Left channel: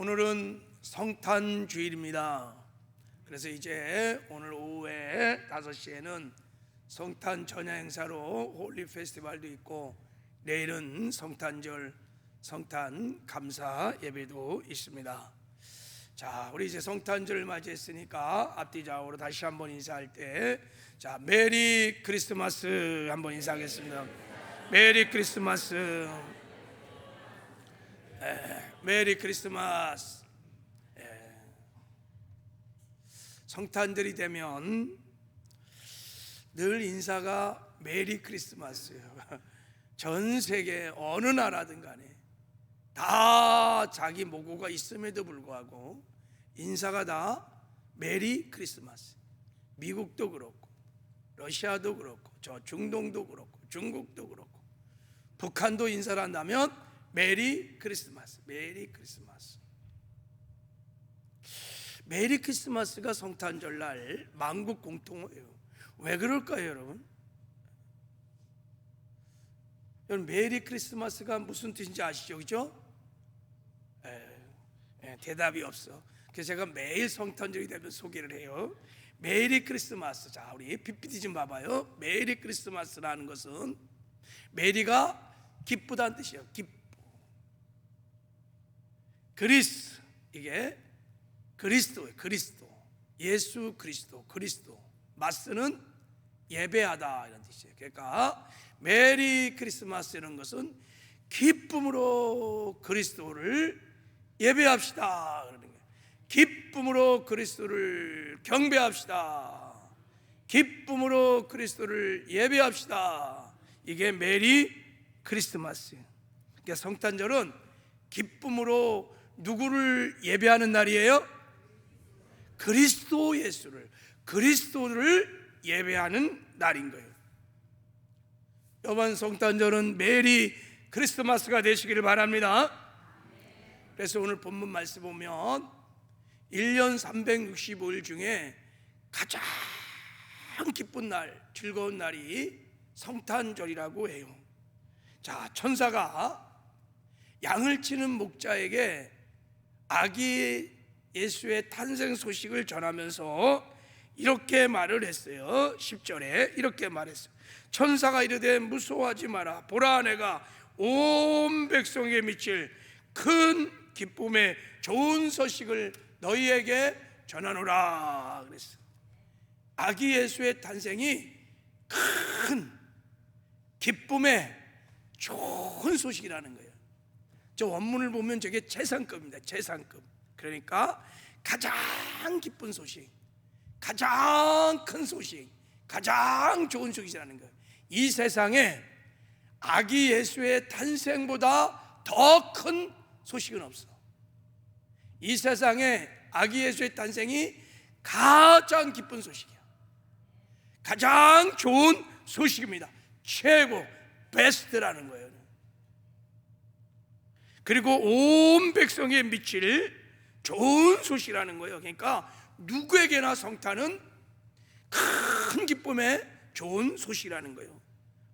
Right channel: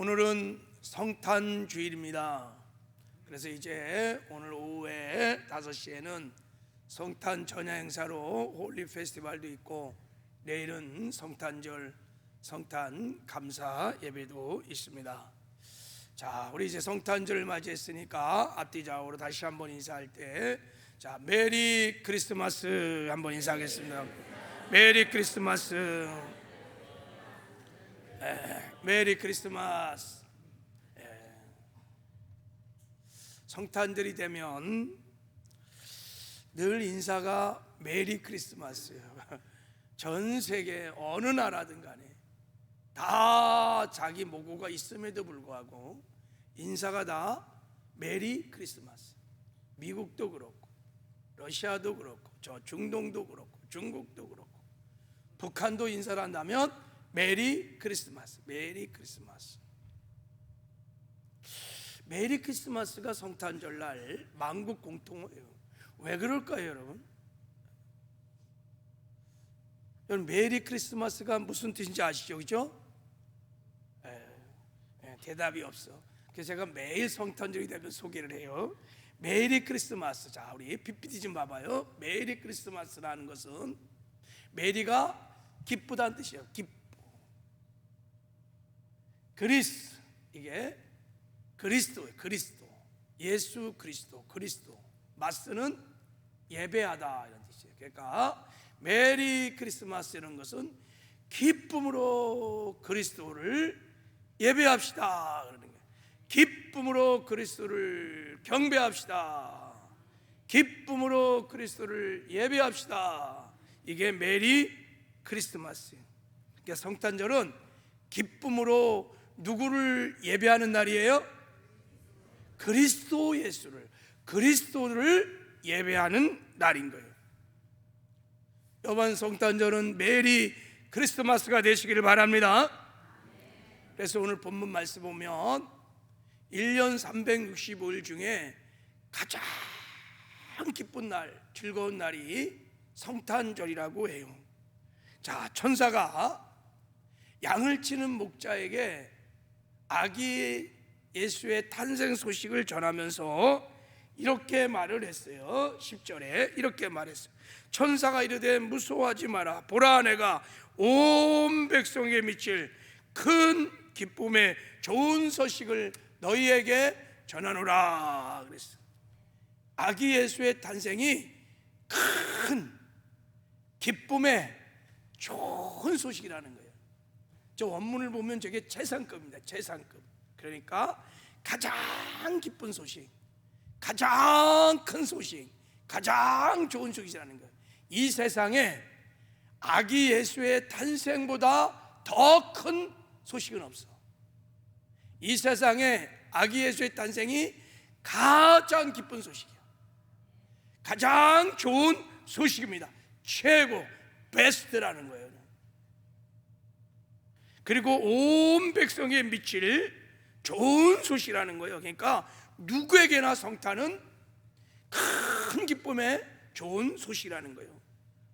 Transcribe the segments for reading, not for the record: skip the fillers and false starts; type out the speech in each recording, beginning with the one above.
오늘은 성탄주일입니다. 그래서 이제 오늘 오후에 5시에는 성탄 전야 행사로 홀리 페스티벌도 있고, 내일은 성탄절 성탄 감사 예배도 있습니다. 자, 우리 이제 성탄절을 맞이했으니까 앞뒤좌우로 다시 한번 인사할 때, 자, 메리 크리스마스 한번 인사하겠습니다. 메리 크리스마스. 메리 크리스마스. 성탄절이 되면 늘 인사가 메리 크리스마스예요. 전 세계 어느 나라든 간에 다 자기 모국어가 있음에도 불구하고 인사가 다 메리 크리스마스. 미국도 그렇고 러시아도 그렇고 저 중동도 그렇고 중국도 그렇고 북한도 인사를 한다면 메리 크리스마스, 메리 크리스마스. 메리 크리스마스가 성탄절날 만국 공통어예요. 왜 그럴까요, 여러분? 여러분, 메리 크리스마스가 무슨 뜻인지 아시죠, 그죠? 대답이 없어. 그래서 제가 매일 성탄절이 되면 소개를 해요. 메리 크리스마스. 자, 우리 PPT 좀 봐봐요. 메리 크리스마스라는 것은 메리가 기쁘다는 뜻이에요. 기쁘. 그리스, 이게 그리스도예요. 그리스도, 예수 그리스도, 그리스도. 마스는 예배하다 이런 뜻이에요. 그러니까 메리 크리스마스 이런 것은 기쁨으로 그리스도를 예배합시다 그러는 거예요. 기쁨으로 그리스도를 경배합시다. 기쁨으로 그리스도를 예배합시다. 이게 메리 크리스마스예요. 그러니까 성탄절은 기쁨으로 누구를 예배하는 날이에요? 그리스도 예수를, 그리스도를 예배하는 날인 거예요. 이번 성탄절은 메리 크리스마스가 되시기를 바랍니다. 그래서 오늘 본문 말씀 보면 1년 365일 중에 가장 기쁜 날, 즐거운 날이 성탄절이라고 해요. 자, 천사가 양을 치는 목자에게 아기 예수의 탄생 소식을 전하면서 이렇게 말을 했어요. 10절에 이렇게 말했어요. 천사가 이르되 무서워하지 마라. 보라, 내가 온 백성에게 미칠 큰 기쁨의 좋은 소식을 너희에게 전하노라 그랬어요. 아기 예수의 탄생이 큰 기쁨의 좋은 소식이라는 거예요. 저 원문을 보면 저게 최상급입니다. 최상급. 그러니까 가장 기쁜 소식, 가장 큰 소식, 가장 좋은 소식이라는 거예요. 이 세상에 아기 예수의 탄생보다 더 큰 소식은 없어. 이 세상에 아기 예수의 탄생이 가장 기쁜 소식이야. 가장 좋은 소식입니다. 최고, 베스트라는 거예요. 그리고 온 백성에 미칠 좋은 소식이라는 거예요. 그러니까 누구에게나 성탄은 큰 기쁨의 좋은 소식이라는 거예요.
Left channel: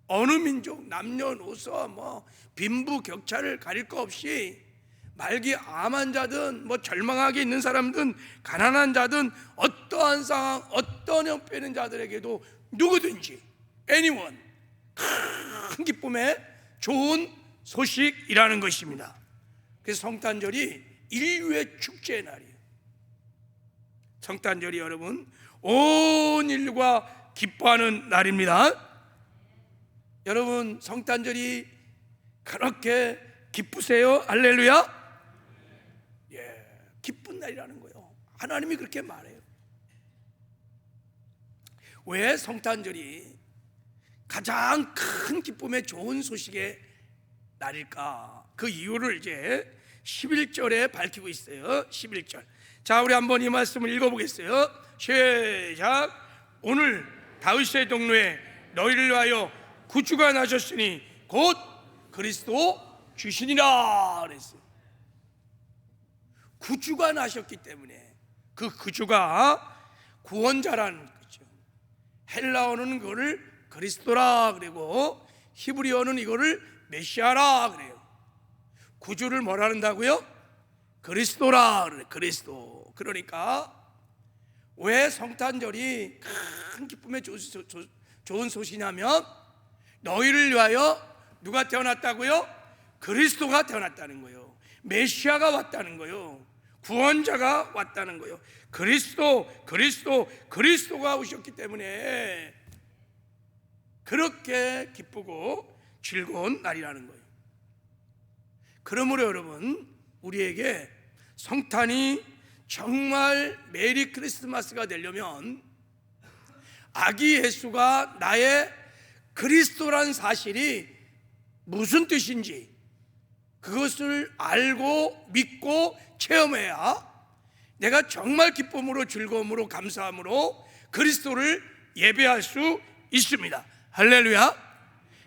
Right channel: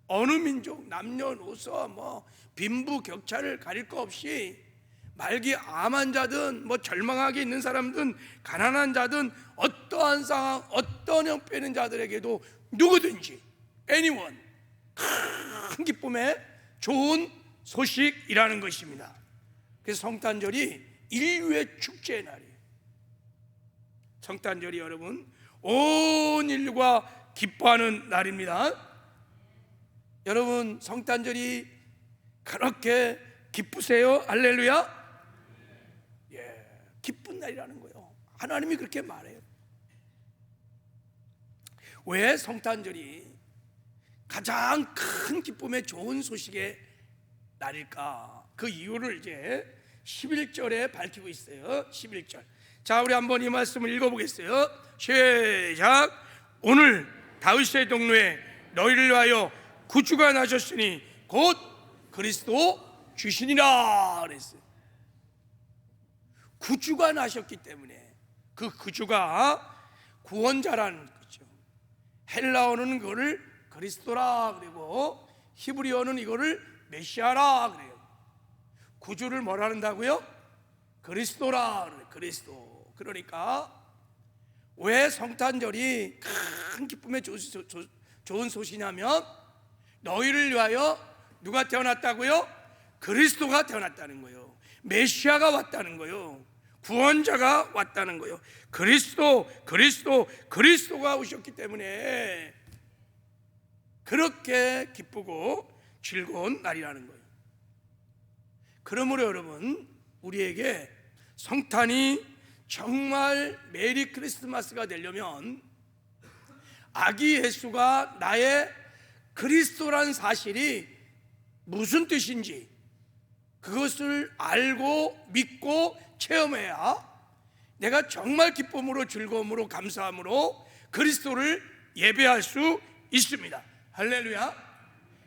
어느 민족, 남녀노소, 빈부격차를 가릴 거 없이 말기 암 환자든 절망하게 있는 사람든 가난한 자든 어떠한 상황, 어떤 형편의 있는 자들에게도 누구든지 anyone 큰 기쁨의 좋은 소식이라는 것입니다. 그래서 성탄절이 인류의 축제의 날이에요. 성탄절이 여러분 온 인류가 기뻐하는 날입니다. 여러분 성탄절이 그렇게 기쁘세요? 할렐루야. 기쁜 날이라는 거예요. 하나님이 그렇게 말해요. 왜 성탄절이 가장 큰 기쁨의 좋은 소식의 날일까? 그 이유를 이제 11절에 밝히고 있어요. 11절. 자, 우리 한번 이 말씀을 읽어보겠어요. 시작. 오늘 다윗의 동로에 너희를 위하여 구주가 나셨으니 곧 그리스도 주시니라 그랬어요. 구주가 나셨기 때문에 그 구주가 구원자라는 거죠. 헬라어는 그거를 그리스도라 그리고 히브리어는 이거를 메시아라 그래요. 구주를 뭐라 한다고요? 그리스도라 그래. 그리스도. 그러니까 왜 성탄절이 큰 기쁨의 좋은 소식이냐면 너희를 위하여 누가 태어났다고요? 그리스도가 태어났다는 거예요. 메시아가 왔다는 거예요. 구원자가 왔다는 거예요. 그리스도가 오셨기 때문에 그렇게 기쁘고 즐거운 날이라는 거예요. 그러므로 여러분, 우리에게 성탄이 정말 메리 크리스마스가 되려면 아기 예수가 나의 그리스도란 사실이 무슨 뜻인지 그것을 알고 믿고 체험해야 내가 정말 기쁨으로 즐거움으로 감사함으로 그리스도를 예배할 수 있습니다. 할렐루야.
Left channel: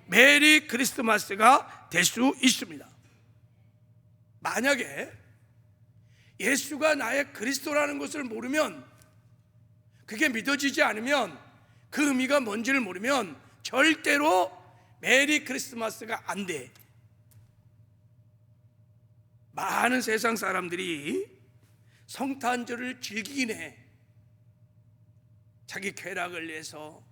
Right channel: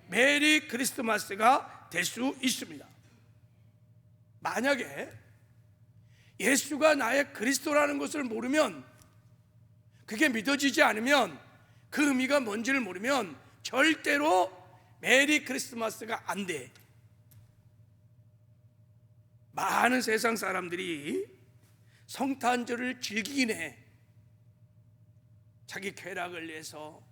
메리 크리스마스가 될 수 있습니다. 만약에 예수가 나의 그리스도라는 것을 모르면, 그게 믿어지지 않으면, 그 의미가 뭔지를 모르면 절대로 메리 크리스마스가 안 돼. 많은 세상 사람들이 성탄절을 즐기긴 해, 자기 쾌락을 위해서.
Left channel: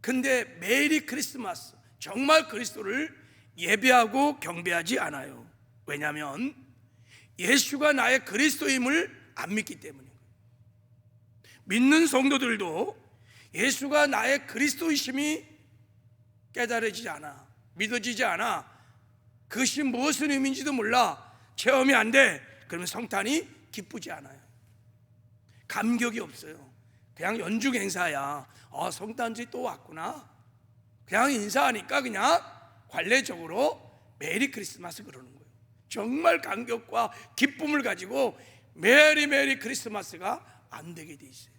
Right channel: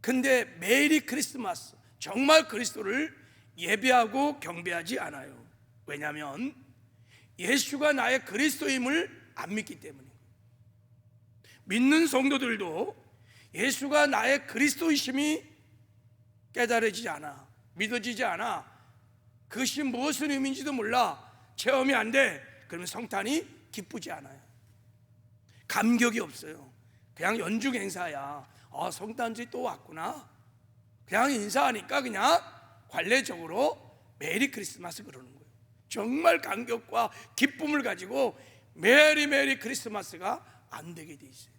근데 메리 크리스마스, 정말 그리스도를 예배하고 경배하지 않아요. 왜냐하면 예수가 나의 그리스도임을 안 믿기 때문이에요. 믿는 성도들도 예수가 나의 그리스도이심이 깨달아지지 않아, 믿어지지 않아, 그것이 무슨 의미인지도 몰라, 체험이 안 돼. 그러면 성탄이 기쁘지 않아요. 감격이 없어요. 그냥 연중 행사야. 성탄절이 또 왔구나. 그냥 인사하니까 그냥 관례적으로 메리 크리스마스 그러는 거예요. 정말 감격과 기쁨을 가지고 메리 크리스마스가 안 되게 돼 있어요.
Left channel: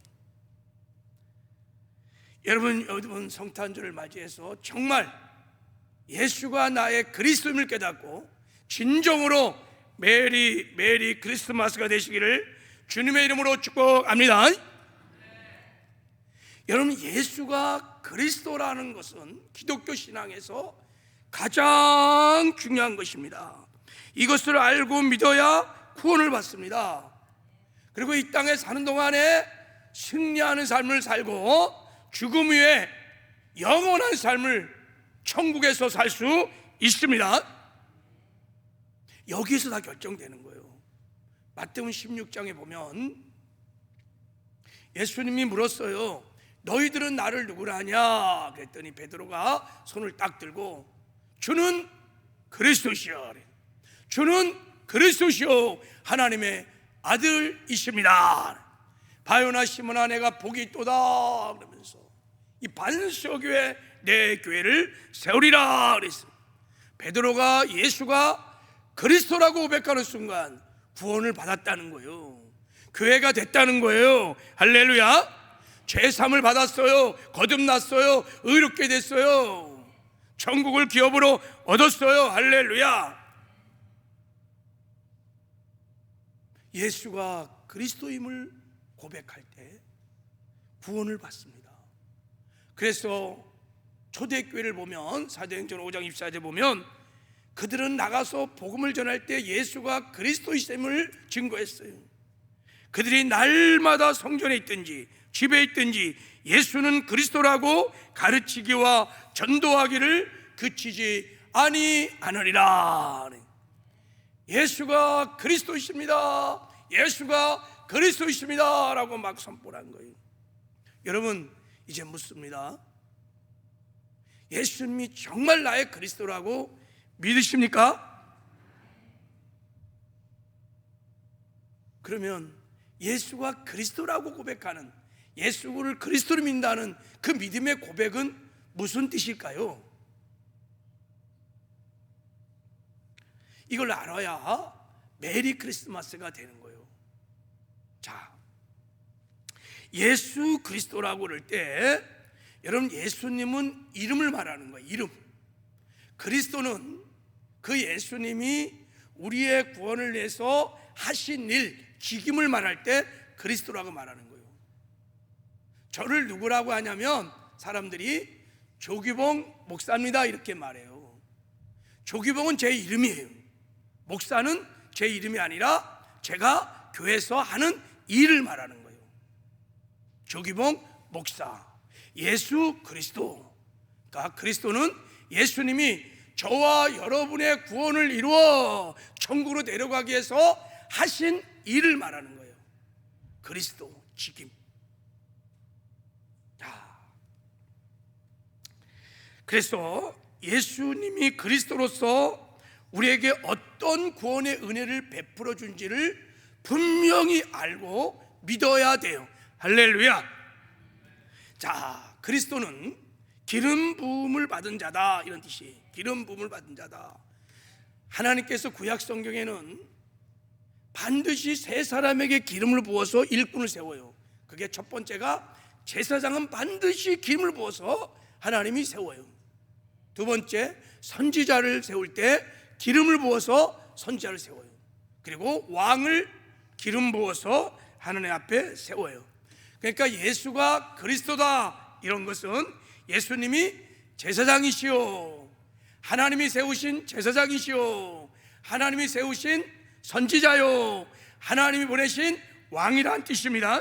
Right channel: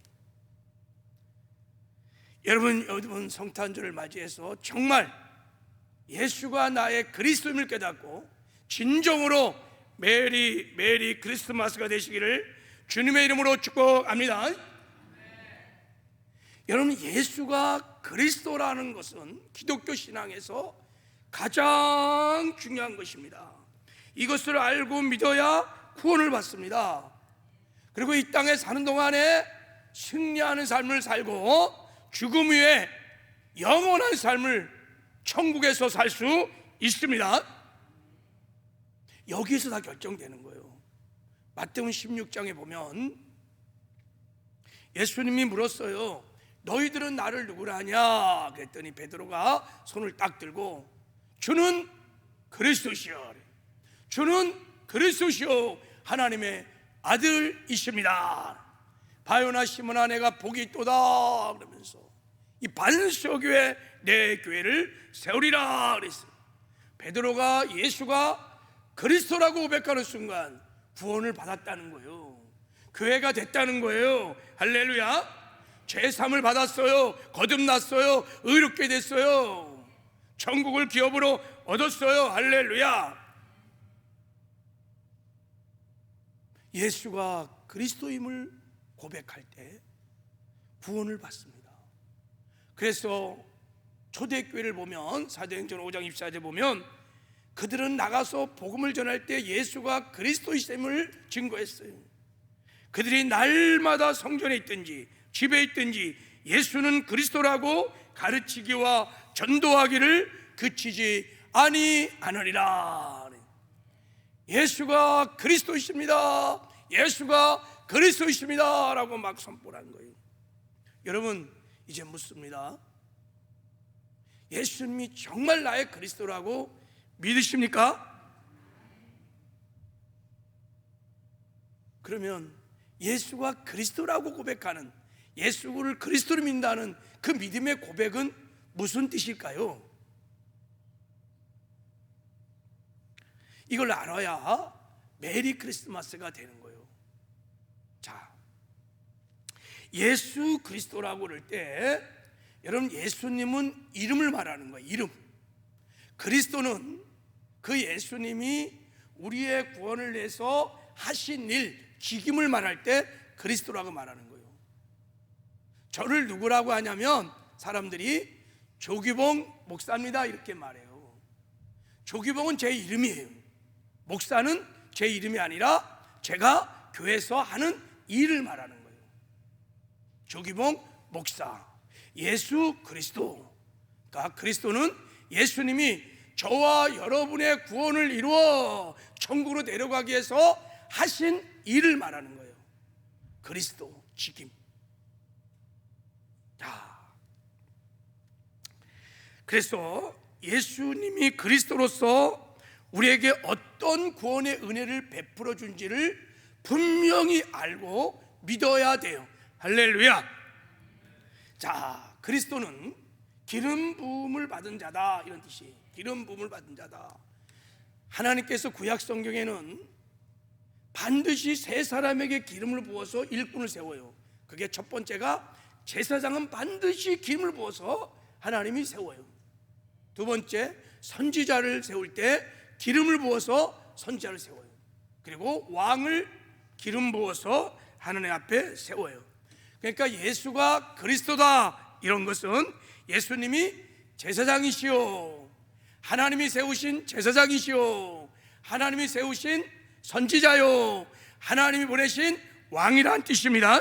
여러분 성탄절을 맞이해서 정말 예수가 나의 그리스도임을 깨닫고 진정으로 메리 크리스마스가 되시기를 주님의 이름으로 축복합니다. 여러분, 예수가 그리스도라는 것은 기독교 신앙에서 가장 중요한 것입니다. 이것을 알고 믿어야 구원을 받습니다. 그리고 이 땅에 사는 동안에 승리하는 삶을 살고 죽음 후에 영원한 삶을 천국에서 살 수 있습니다. 여기서 다 결정되는 거예요. 마태복음 16장에 보면 예수님이 물었어요. 너희들은 나를 누구라 하냐? 그랬더니 베드로가 손을 딱 들고 주는 그리스도시오, 주는 그리스도시오, 하나님의 아들이십니다. 바요나 시몬아, 내가 복이 있도다 그러면서 이 반석교회 내 교회를 세우리라 그랬어요. 베드로가 예수가 그리스도라고 고백하는 순간 구원을 받았다는 거예요. 교회가 됐다는 거예요. 할렐루야. 죄사함을 받았어요. 거듭났어요. 의롭게 됐어요. 천국을 기업으로 얻었어요. 할렐루야. 예수가 그리스도임을 고백할 때 구원을 받습니다. 그래서 초대교회를 보면 사도행전 5장 24절에 보면 그들은 나가서 복음을 전할 때 예수가 그리스도이심을 증거했어요. 그들이 날마다 성전에 있든지 집에 있든지 예수는 그리스도라고 가르치기와 전도하기를 그치지 아니하느니라. 예수가 그리스도이십니다. 예수가 그리스도이십니다 라고 막 선포한 거예요. 여러분, 이제 묻습니다. 예수님이 정말 나의 그리스도라고 믿으십니까? 그러면 예수가 그리스도라고 고백하는, 예수를 그리스도로 믿는다는 그 믿음의 고백은 무슨 뜻일까요? 이걸 알아야 메리 크리스마스가 되는 거예요. 자, 예수 그리스도라고 그럴 때 여러분, 예수님은 이름을 말하는 거예요. 이름. 그리스도는 그 예수님이 우리의 구원을 위해서 하신 일, 직임을 말할 때 그리스도라고 말하는 거예요. 저를 누구라고 하냐면 사람들이 조규봉 목사입니다 이렇게 말해요. 조규봉은 제 이름이에요. 목사는 제 이름이 아니라 제가 교회에서 하는 일을 말하는 거예요. 조기봉 목사, 예수 그리스도. 그러니까 그리스도는 예수님이 저와 여러분의 구원을 이루어 천국으로 내려가기 위해서 하신 일을 말하는 거예요. 그리스도 지킴. 그래서 예수님이 그리스도로서 우리에게 어떤 구원의 은혜를 베풀어 준지를 분명히 알고 믿어야 돼요. 할렐루야. 자, 그리스도는 기름 부음을 받은 자다, 이런 뜻이에요. 기름 부음을 받은 자다. 하나님께서 구약 성경에는 반드시 세 사람에게 기름을 부어서 일꾼을 세워요. 그게 첫 번째가 제사장은 반드시 기름을 부어서 하나님이 세워요. 두 번째, 선지자를 세울 때 기름을 부어서 선지자를 세워요. 그리고 왕을 기름 부어서 하나님 앞에 세워요. 그러니까 예수가 그리스도다, 이런 것은 예수님이 제사장이시오, 하나님이 세우신 제사장이시오, 하나님이 세우신 선지자요, 하나님이 보내신 왕이란 뜻입니다.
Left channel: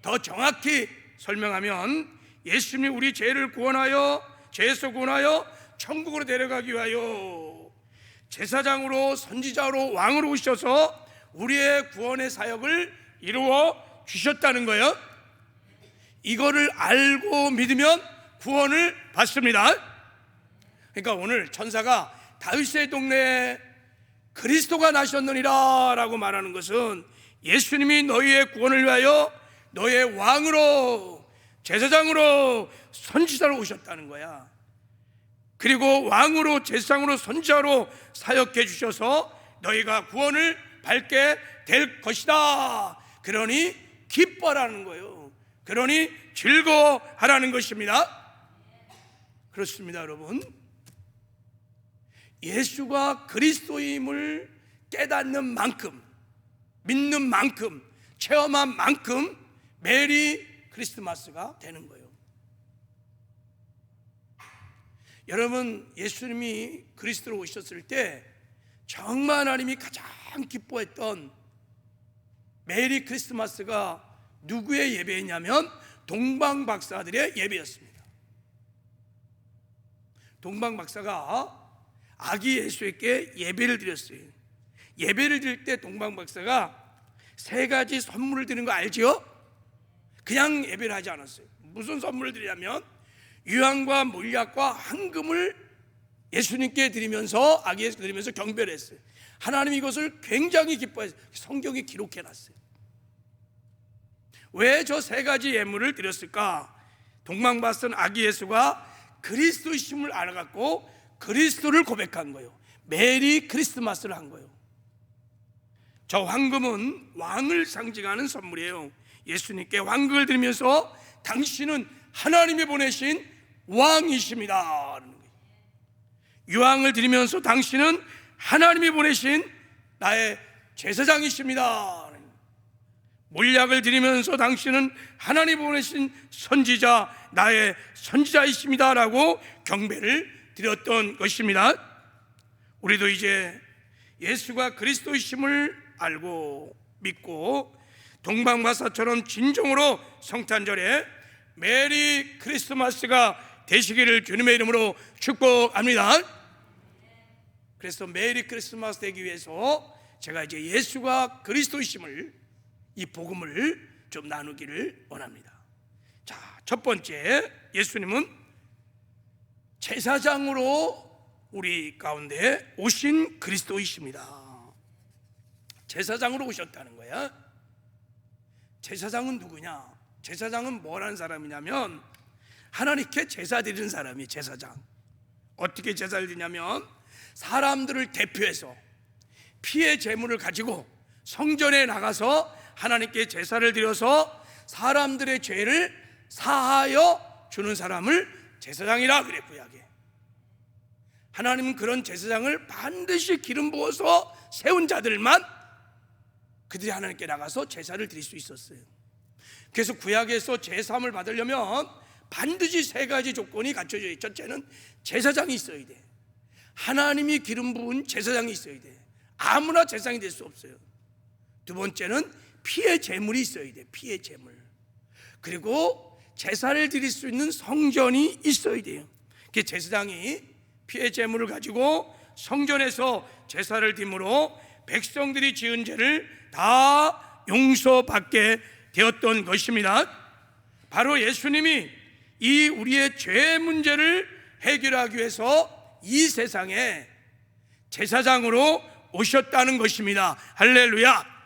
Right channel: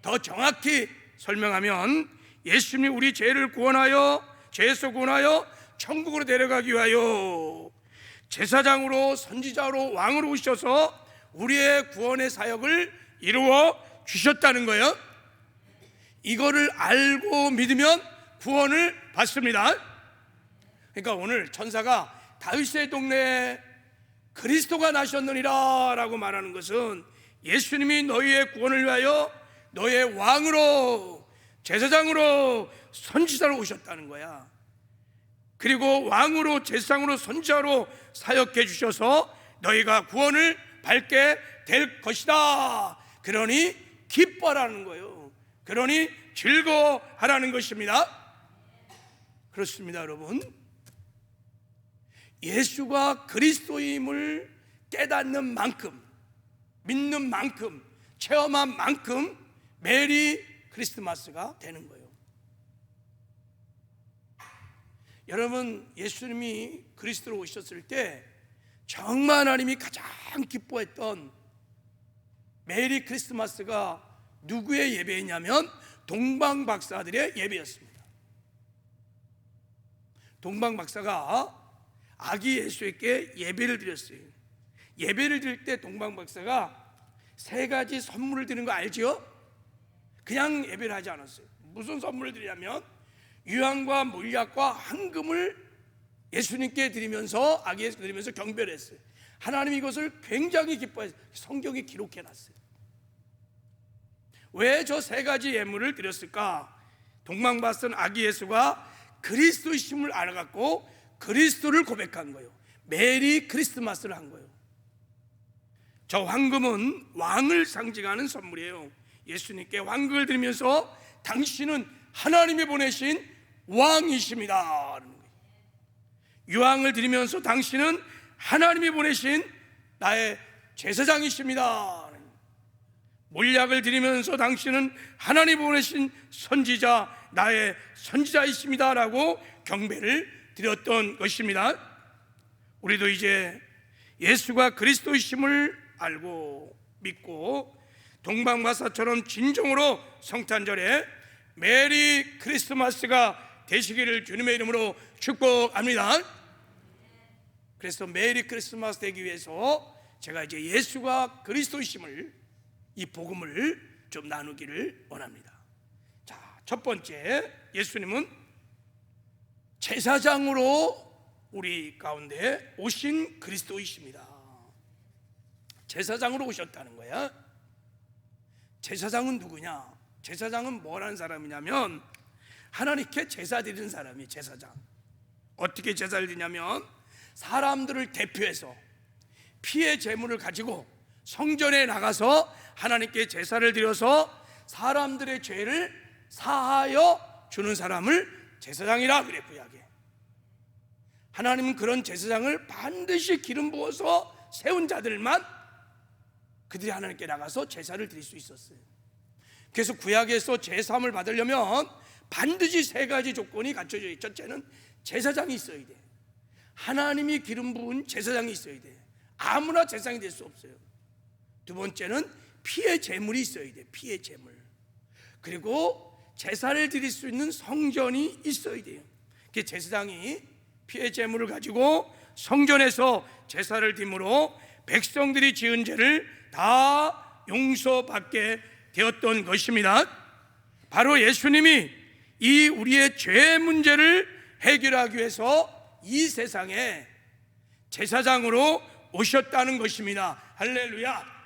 더 정확히 설명하면 예수님이 우리 죄를 구원하여, 죄에서 구원하여 천국으로 데려가기 위하여 제사장으로, 선지자로, 왕으로 오셔서 우리의 구원의 사역을 이루어 주셨다는 거예요. 이거를 알고 믿으면 구원을 받습니다. 그러니까 오늘 천사가 다윗의 동네에 그리스도가 나셨느니라 라고 말하는 것은 예수님이 너희의 구원을 위하여 너희의 왕으로, 제사장으로, 선지자로 오셨다는 거야. 그리고 왕으로, 제사장으로, 선지자로 사역해 주셔서 너희가 구원을 받게 될 것이다. 그러니 기뻐하라는 거예요. 그러니 즐거워하라는 것입니다. 그렇습니다, 여러분. 예수가 그리스도임을 깨닫는 만큼, 믿는 만큼, 체험한 만큼 메리 크리스마스가 되는 거예요. 여러분, 예수님이 그리스도로 오셨을 때 정말 하나님이 가장 기뻐했던 메리 크리스마스가 누구의 예배였냐면 동방박사들의 예배였습니다. 동방박사가 아기 예수에게 예배를 드렸어요. 예배를 드릴 때 동방박사가 세 가지 선물을 드리는 거 알죠? 그냥 예배를 하지 않았어요. 무슨 선물을 드리냐면 유향과 몰약과 황금을 예수님께 드리면서, 아기 예수 드리면서 경배를 했어요. 하나님이 이것을 굉장히 기뻐했어요. 성경에 기록해놨어요. 왜 저 세 가지 예물을 드렸을까? 동방박사는 아기 예수가 그리스도이심을 알아갖고 그리스도를 고백한 거예요. 메리 크리스마스를 한 거예요. 저 황금은 왕을 상징하는 선물이에요. 예수님께 황금을 드리면서 당신은 하나님이 보내신 왕이십니다. 유황을 드리면서 당신은 하나님이 보내신 나의 제사장이십니다. 몰약을 드리면서 당신은 하나님이 보내신 선지자, 나의 선지자이십니다 라고 경배를 드렸던 것입니다. 우리도 이제 예수가 그리스도이심을 알고 믿고 동방박사처럼 진정으로 성탄절에 메리 크리스마스가 되시기를 주님의 이름으로 축복합니다. 그래서 메리 크리스마스 되기 위해서 제가 이제 예수가 그리스도이심을, 이 복음을 좀 나누기를 원합니다. 자, 첫 번째, 예수님은 제사장으로 우리 가운데 오신 그리스도이십니다. 제사장으로 오셨다는 거야. 제사장은 누구냐? 제사장은 뭐라는 사람이냐면 하나님께 제사 드리는 사람이 제사장. 어떻게 제사를 드리냐면 사람들을 대표해서 피의 제물을 가지고 성전에 나가서 하나님께 제사를 드려서 사람들의 죄를 사하여 주는 사람을 제사장이라 그래, 구약에. 하나님은 그런 제사장을 반드시 기름 부어서 세운 자들만 그들이 하나님께 나가서 제사를 드릴 수 있었어요. 그래서 구약에서 제사함을 받으려면 반드시 세 가지 조건이 갖춰져요. 첫째는 제사장이 있어야 돼. 하나님이 기름 부은 제사장이 있어야 돼. 아무나 제사장이 될 수 없어요. 두 번째는 피의 제물이 있어야 돼요. 피의 제물. 그리고 제사를 드릴 수 있는 성전이 있어야 돼요. 그 제사장이 피의 제물을 가지고 성전에서 제사를 드림으로 백성들이 지은 죄를 다 용서받게 되었던 것입니다. 바로 예수님이 이 우리의 죄 문제를 해결하기 위해서 이 세상에 제사장으로 오셨다는 것입니다. 할렐루야.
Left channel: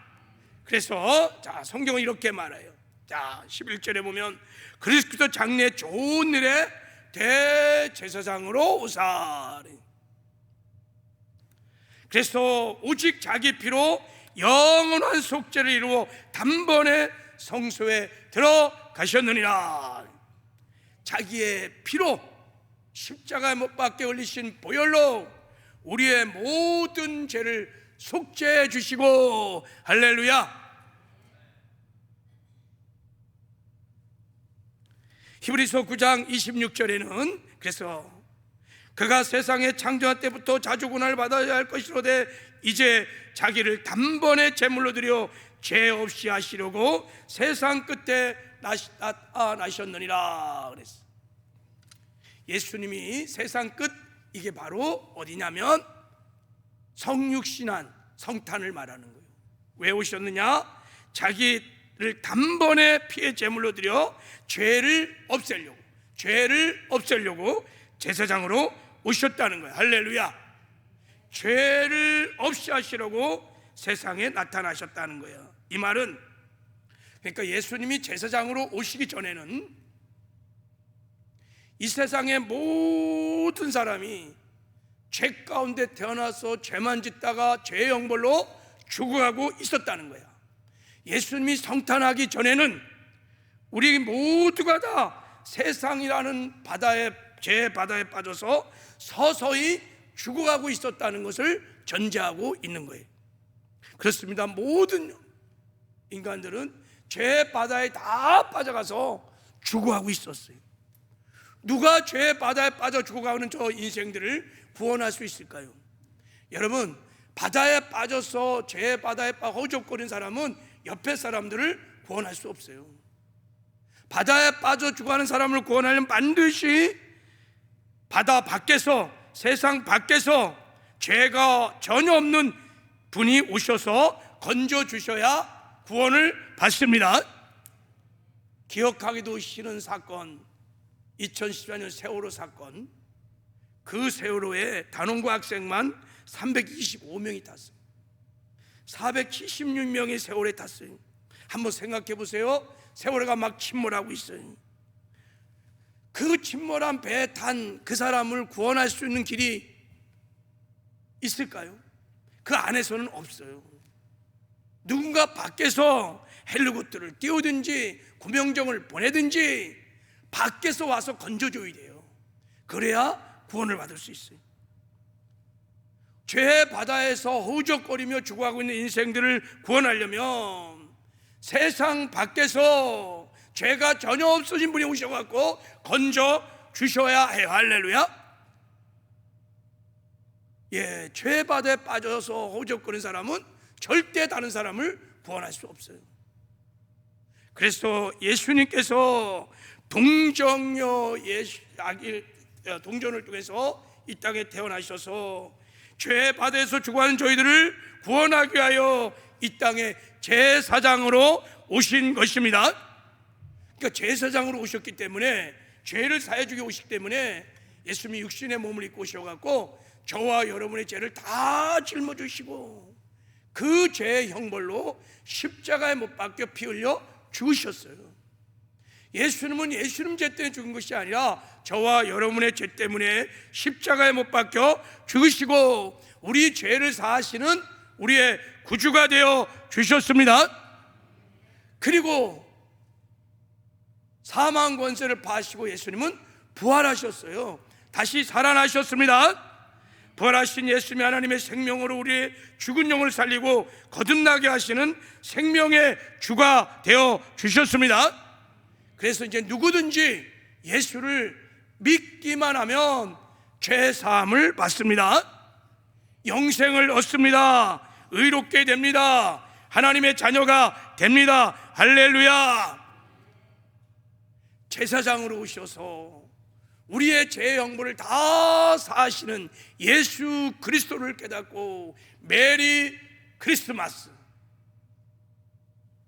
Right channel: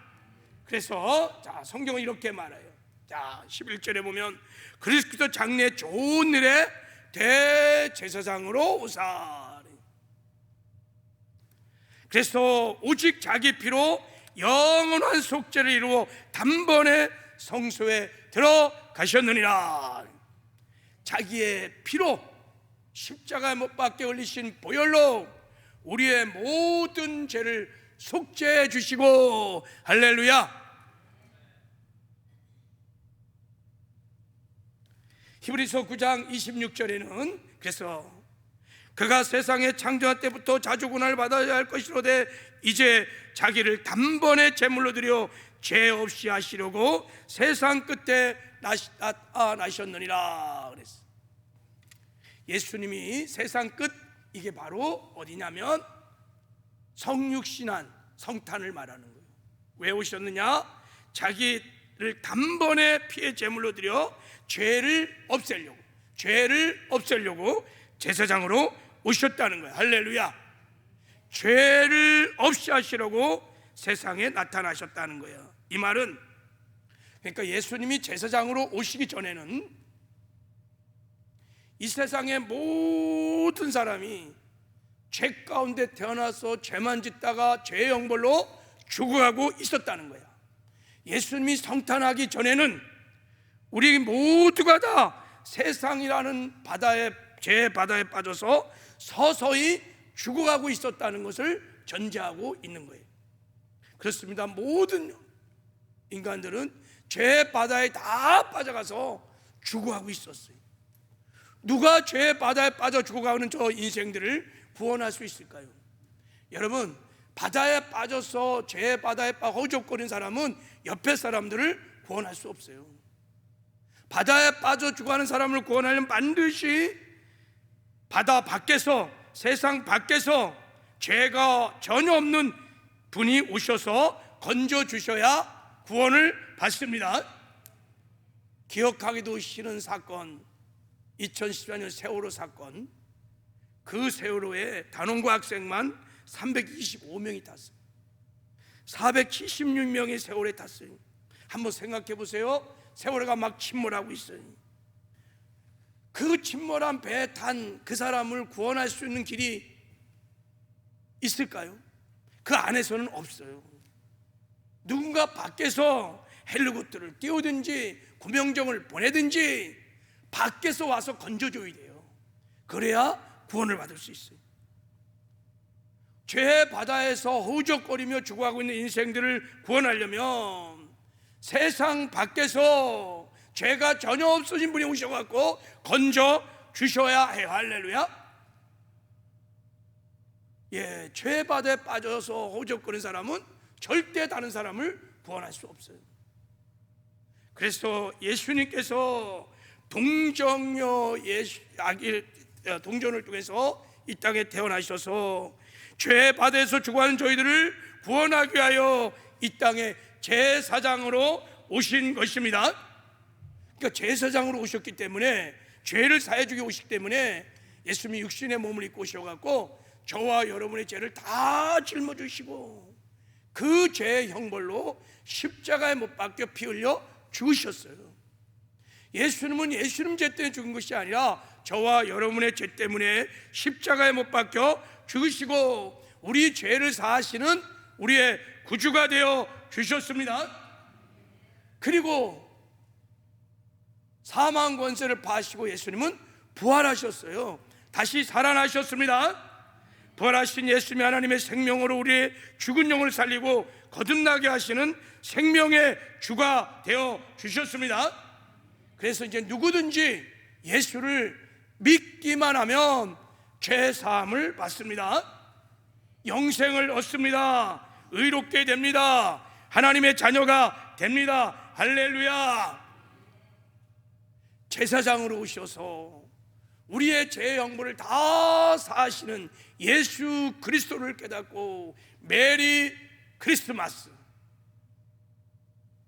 그래서 성경은 이렇게 말해요. 11절에 보면 그리스도 장래 좋은 일에 대제사장으로 오사. 그래서 오직 자기 피로 영원한 속죄를 이루어 단번에 성소에 들어가셨느니라. 자기의 피로 십자가에 못 박혀 흘리신 보혈로 우리의 모든 죄를 속죄해 주시고, 할렐루야. 히브리서 9장 26절에는 그래서 그가 세상의 창조할 때부터 자주 고난을 받아야 할 것이로되 이제 자기를 단번에 제물로 드려 죄 없이 하시려고 세상 끝에 나셨느니라 그랬어. 예수님이 세상 끝, 이게 바로 어디냐면 성육신한 성탄을 말하는 거예요. 왜 오셨느냐? 자기를 단번에 피의 제물로 드려 죄를 없애려고 제사장으로 오셨다는 거예요. 할렐루야. 죄를 없이 하시려고 세상에 나타나셨다는 거예요. 이 말은 그러니까 예수님이 제사장으로 오시기 전에는 이 세상의 모든 사람이 죄 가운데 태어나서 죄만 짓다가 죄의 형벌로 죽어가고 있었다는 거야. 예수님이 성탄하기 전에는 우리 모두가 다 세상이라는 죄의 바다에 빠져서 서서히 죽어가고 있었다는 것을 전제하고 있는 거예요. 그렇습니다. 모든 인간들은 죄의 바다에 다 빠져가서 죽어가고 있었어요. 누가 죄의 바다에 빠져 죽어가는 저 인생들을 구원할 수 있을까요? 여러분, 바다에 빠져서 죄의 바다에 빠져 허우적거리는 사람은 옆에 사람들을 구원할 수 없어요. 바다에 빠져 죽어가는 사람을 구원하려면 반드시 바다 밖에서, 세상 밖에서 죄가 전혀 없는 분이 오셔서 건져주셔야 구원을 받습니다. 기억하기도 싫은 사건, 2014년 세월호 사건. 그 세월호에 단원고 학생만 325명이 탔어요. 476명이 세월호에 탔어요. 한번 생각해 보세요. 세월호가 막 침몰하고 있어요. 그 침몰한 배에 탄 그 사람을 구원할 수 있는 길이 있을까요? 그 안에서는 없어요. 누군가 밖에서 헬리콥터를 띄우든지 구명정을 보내든지 밖에서 와서 건져줘야 돼요. 그래야 구원을 받을 수 있어요. 죄의 바다에서 허우적거리며 죽어가고 있는 인생들을 구원하려면 세상 밖에서 죄가 전혀 없어진 분이 오셔갖고 건져 주셔야 해요. 할렐루야. 죄의 바다에 빠져서 허우적거리는 사람은 절대 다른 사람을 구원할 수 없어요. 그래서 예수님께서 동정녀 동전을 통해서 이 땅에 태어나셔서 죄의 바다에서 죽어가는 저희들을 구원하기 위하여 이 땅에 제사장으로 오신 것입니다. 그러니까 제사장으로 오셨기 때문에, 죄를 사해주기 오시기 때문에 예수님이 육신의 몸을 입고 오셔갖고 저와 여러분의 죄를 다 짊어지시고 그 죄의 형벌로 십자가에 못 박혀 피 흘려 죽으셨어요. 예수님은 예수님 죄 때문에 죽은 것이 아니라 저와 여러분의 죄 때문에 십자가에 못 박혀 죽으시고 우리 죄를 사하시는 우리의 구주가 되어 주셨습니다. 그리고 사망 권세를 파시고 예수님은 부활하셨어요. 다시 살아나셨습니다. 부활하신 예수님이 하나님의 생명으로 우리의 죽은 영을 살리고 거듭나게 하시는 생명의 주가 되어 주셨습니다. 그래서 이제 누구든지 예수를 믿기만 하면 죄 사함을 받습니다. 영생을 얻습니다. 의롭게 됩니다. 하나님의 자녀가 됩니다. 할렐루야. 제사장으로 오셔서 우리의 죄의 형벌을 다 사하시는 예수 그리스도를 깨닫고 메리 크리스마스,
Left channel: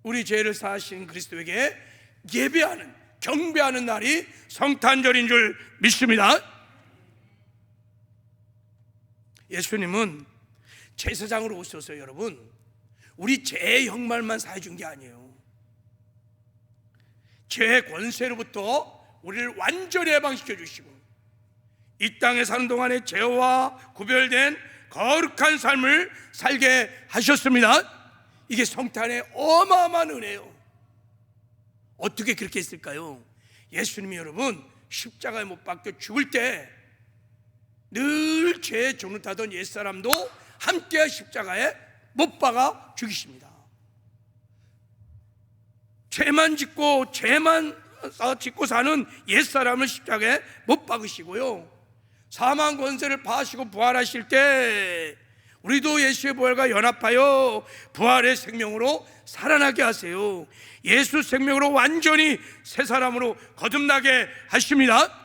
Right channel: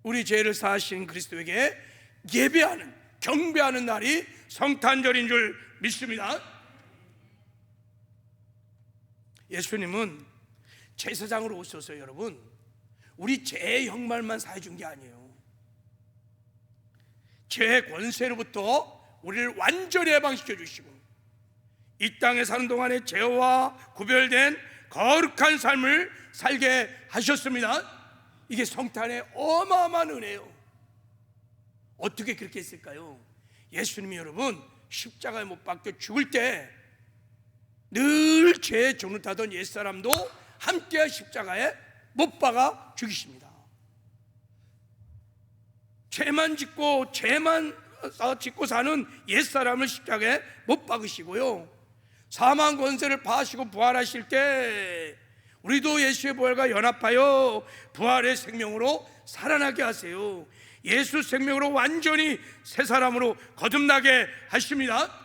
우리 죄를 사하신 그리스도에게 예배하는, 경배하는 날이 성탄절인 줄 믿습니다. 예수님은 제사장으로 오셔서 여러분, 우리 죄의 형벌만 사해준 게 아니에요. 죄의 권세로부터 우리를 완전히 해방시켜 주시고 이 땅에 사는 동안에 죄와 구별된 거룩한 삶을 살게 하셨습니다. 이게 성탄의 어마어마한 은혜예요. 어떻게 그렇게 했을까요? 예수님이 여러분 십자가에 못 박혀 죽을 때 늘 죄의 종을 타던 옛사람도 함께 십자가에 못 박아 죽이십니다. 죄만 짓고 사는 옛사람을 십자가에 못 박으시고요, 사망 권세를 파하시고 부활하실 때 우리도 예수의 부활과 연합하여 부활의 생명으로 살아나게 하세요. 예수 생명으로 완전히 새 사람으로 거듭나게 하십니다.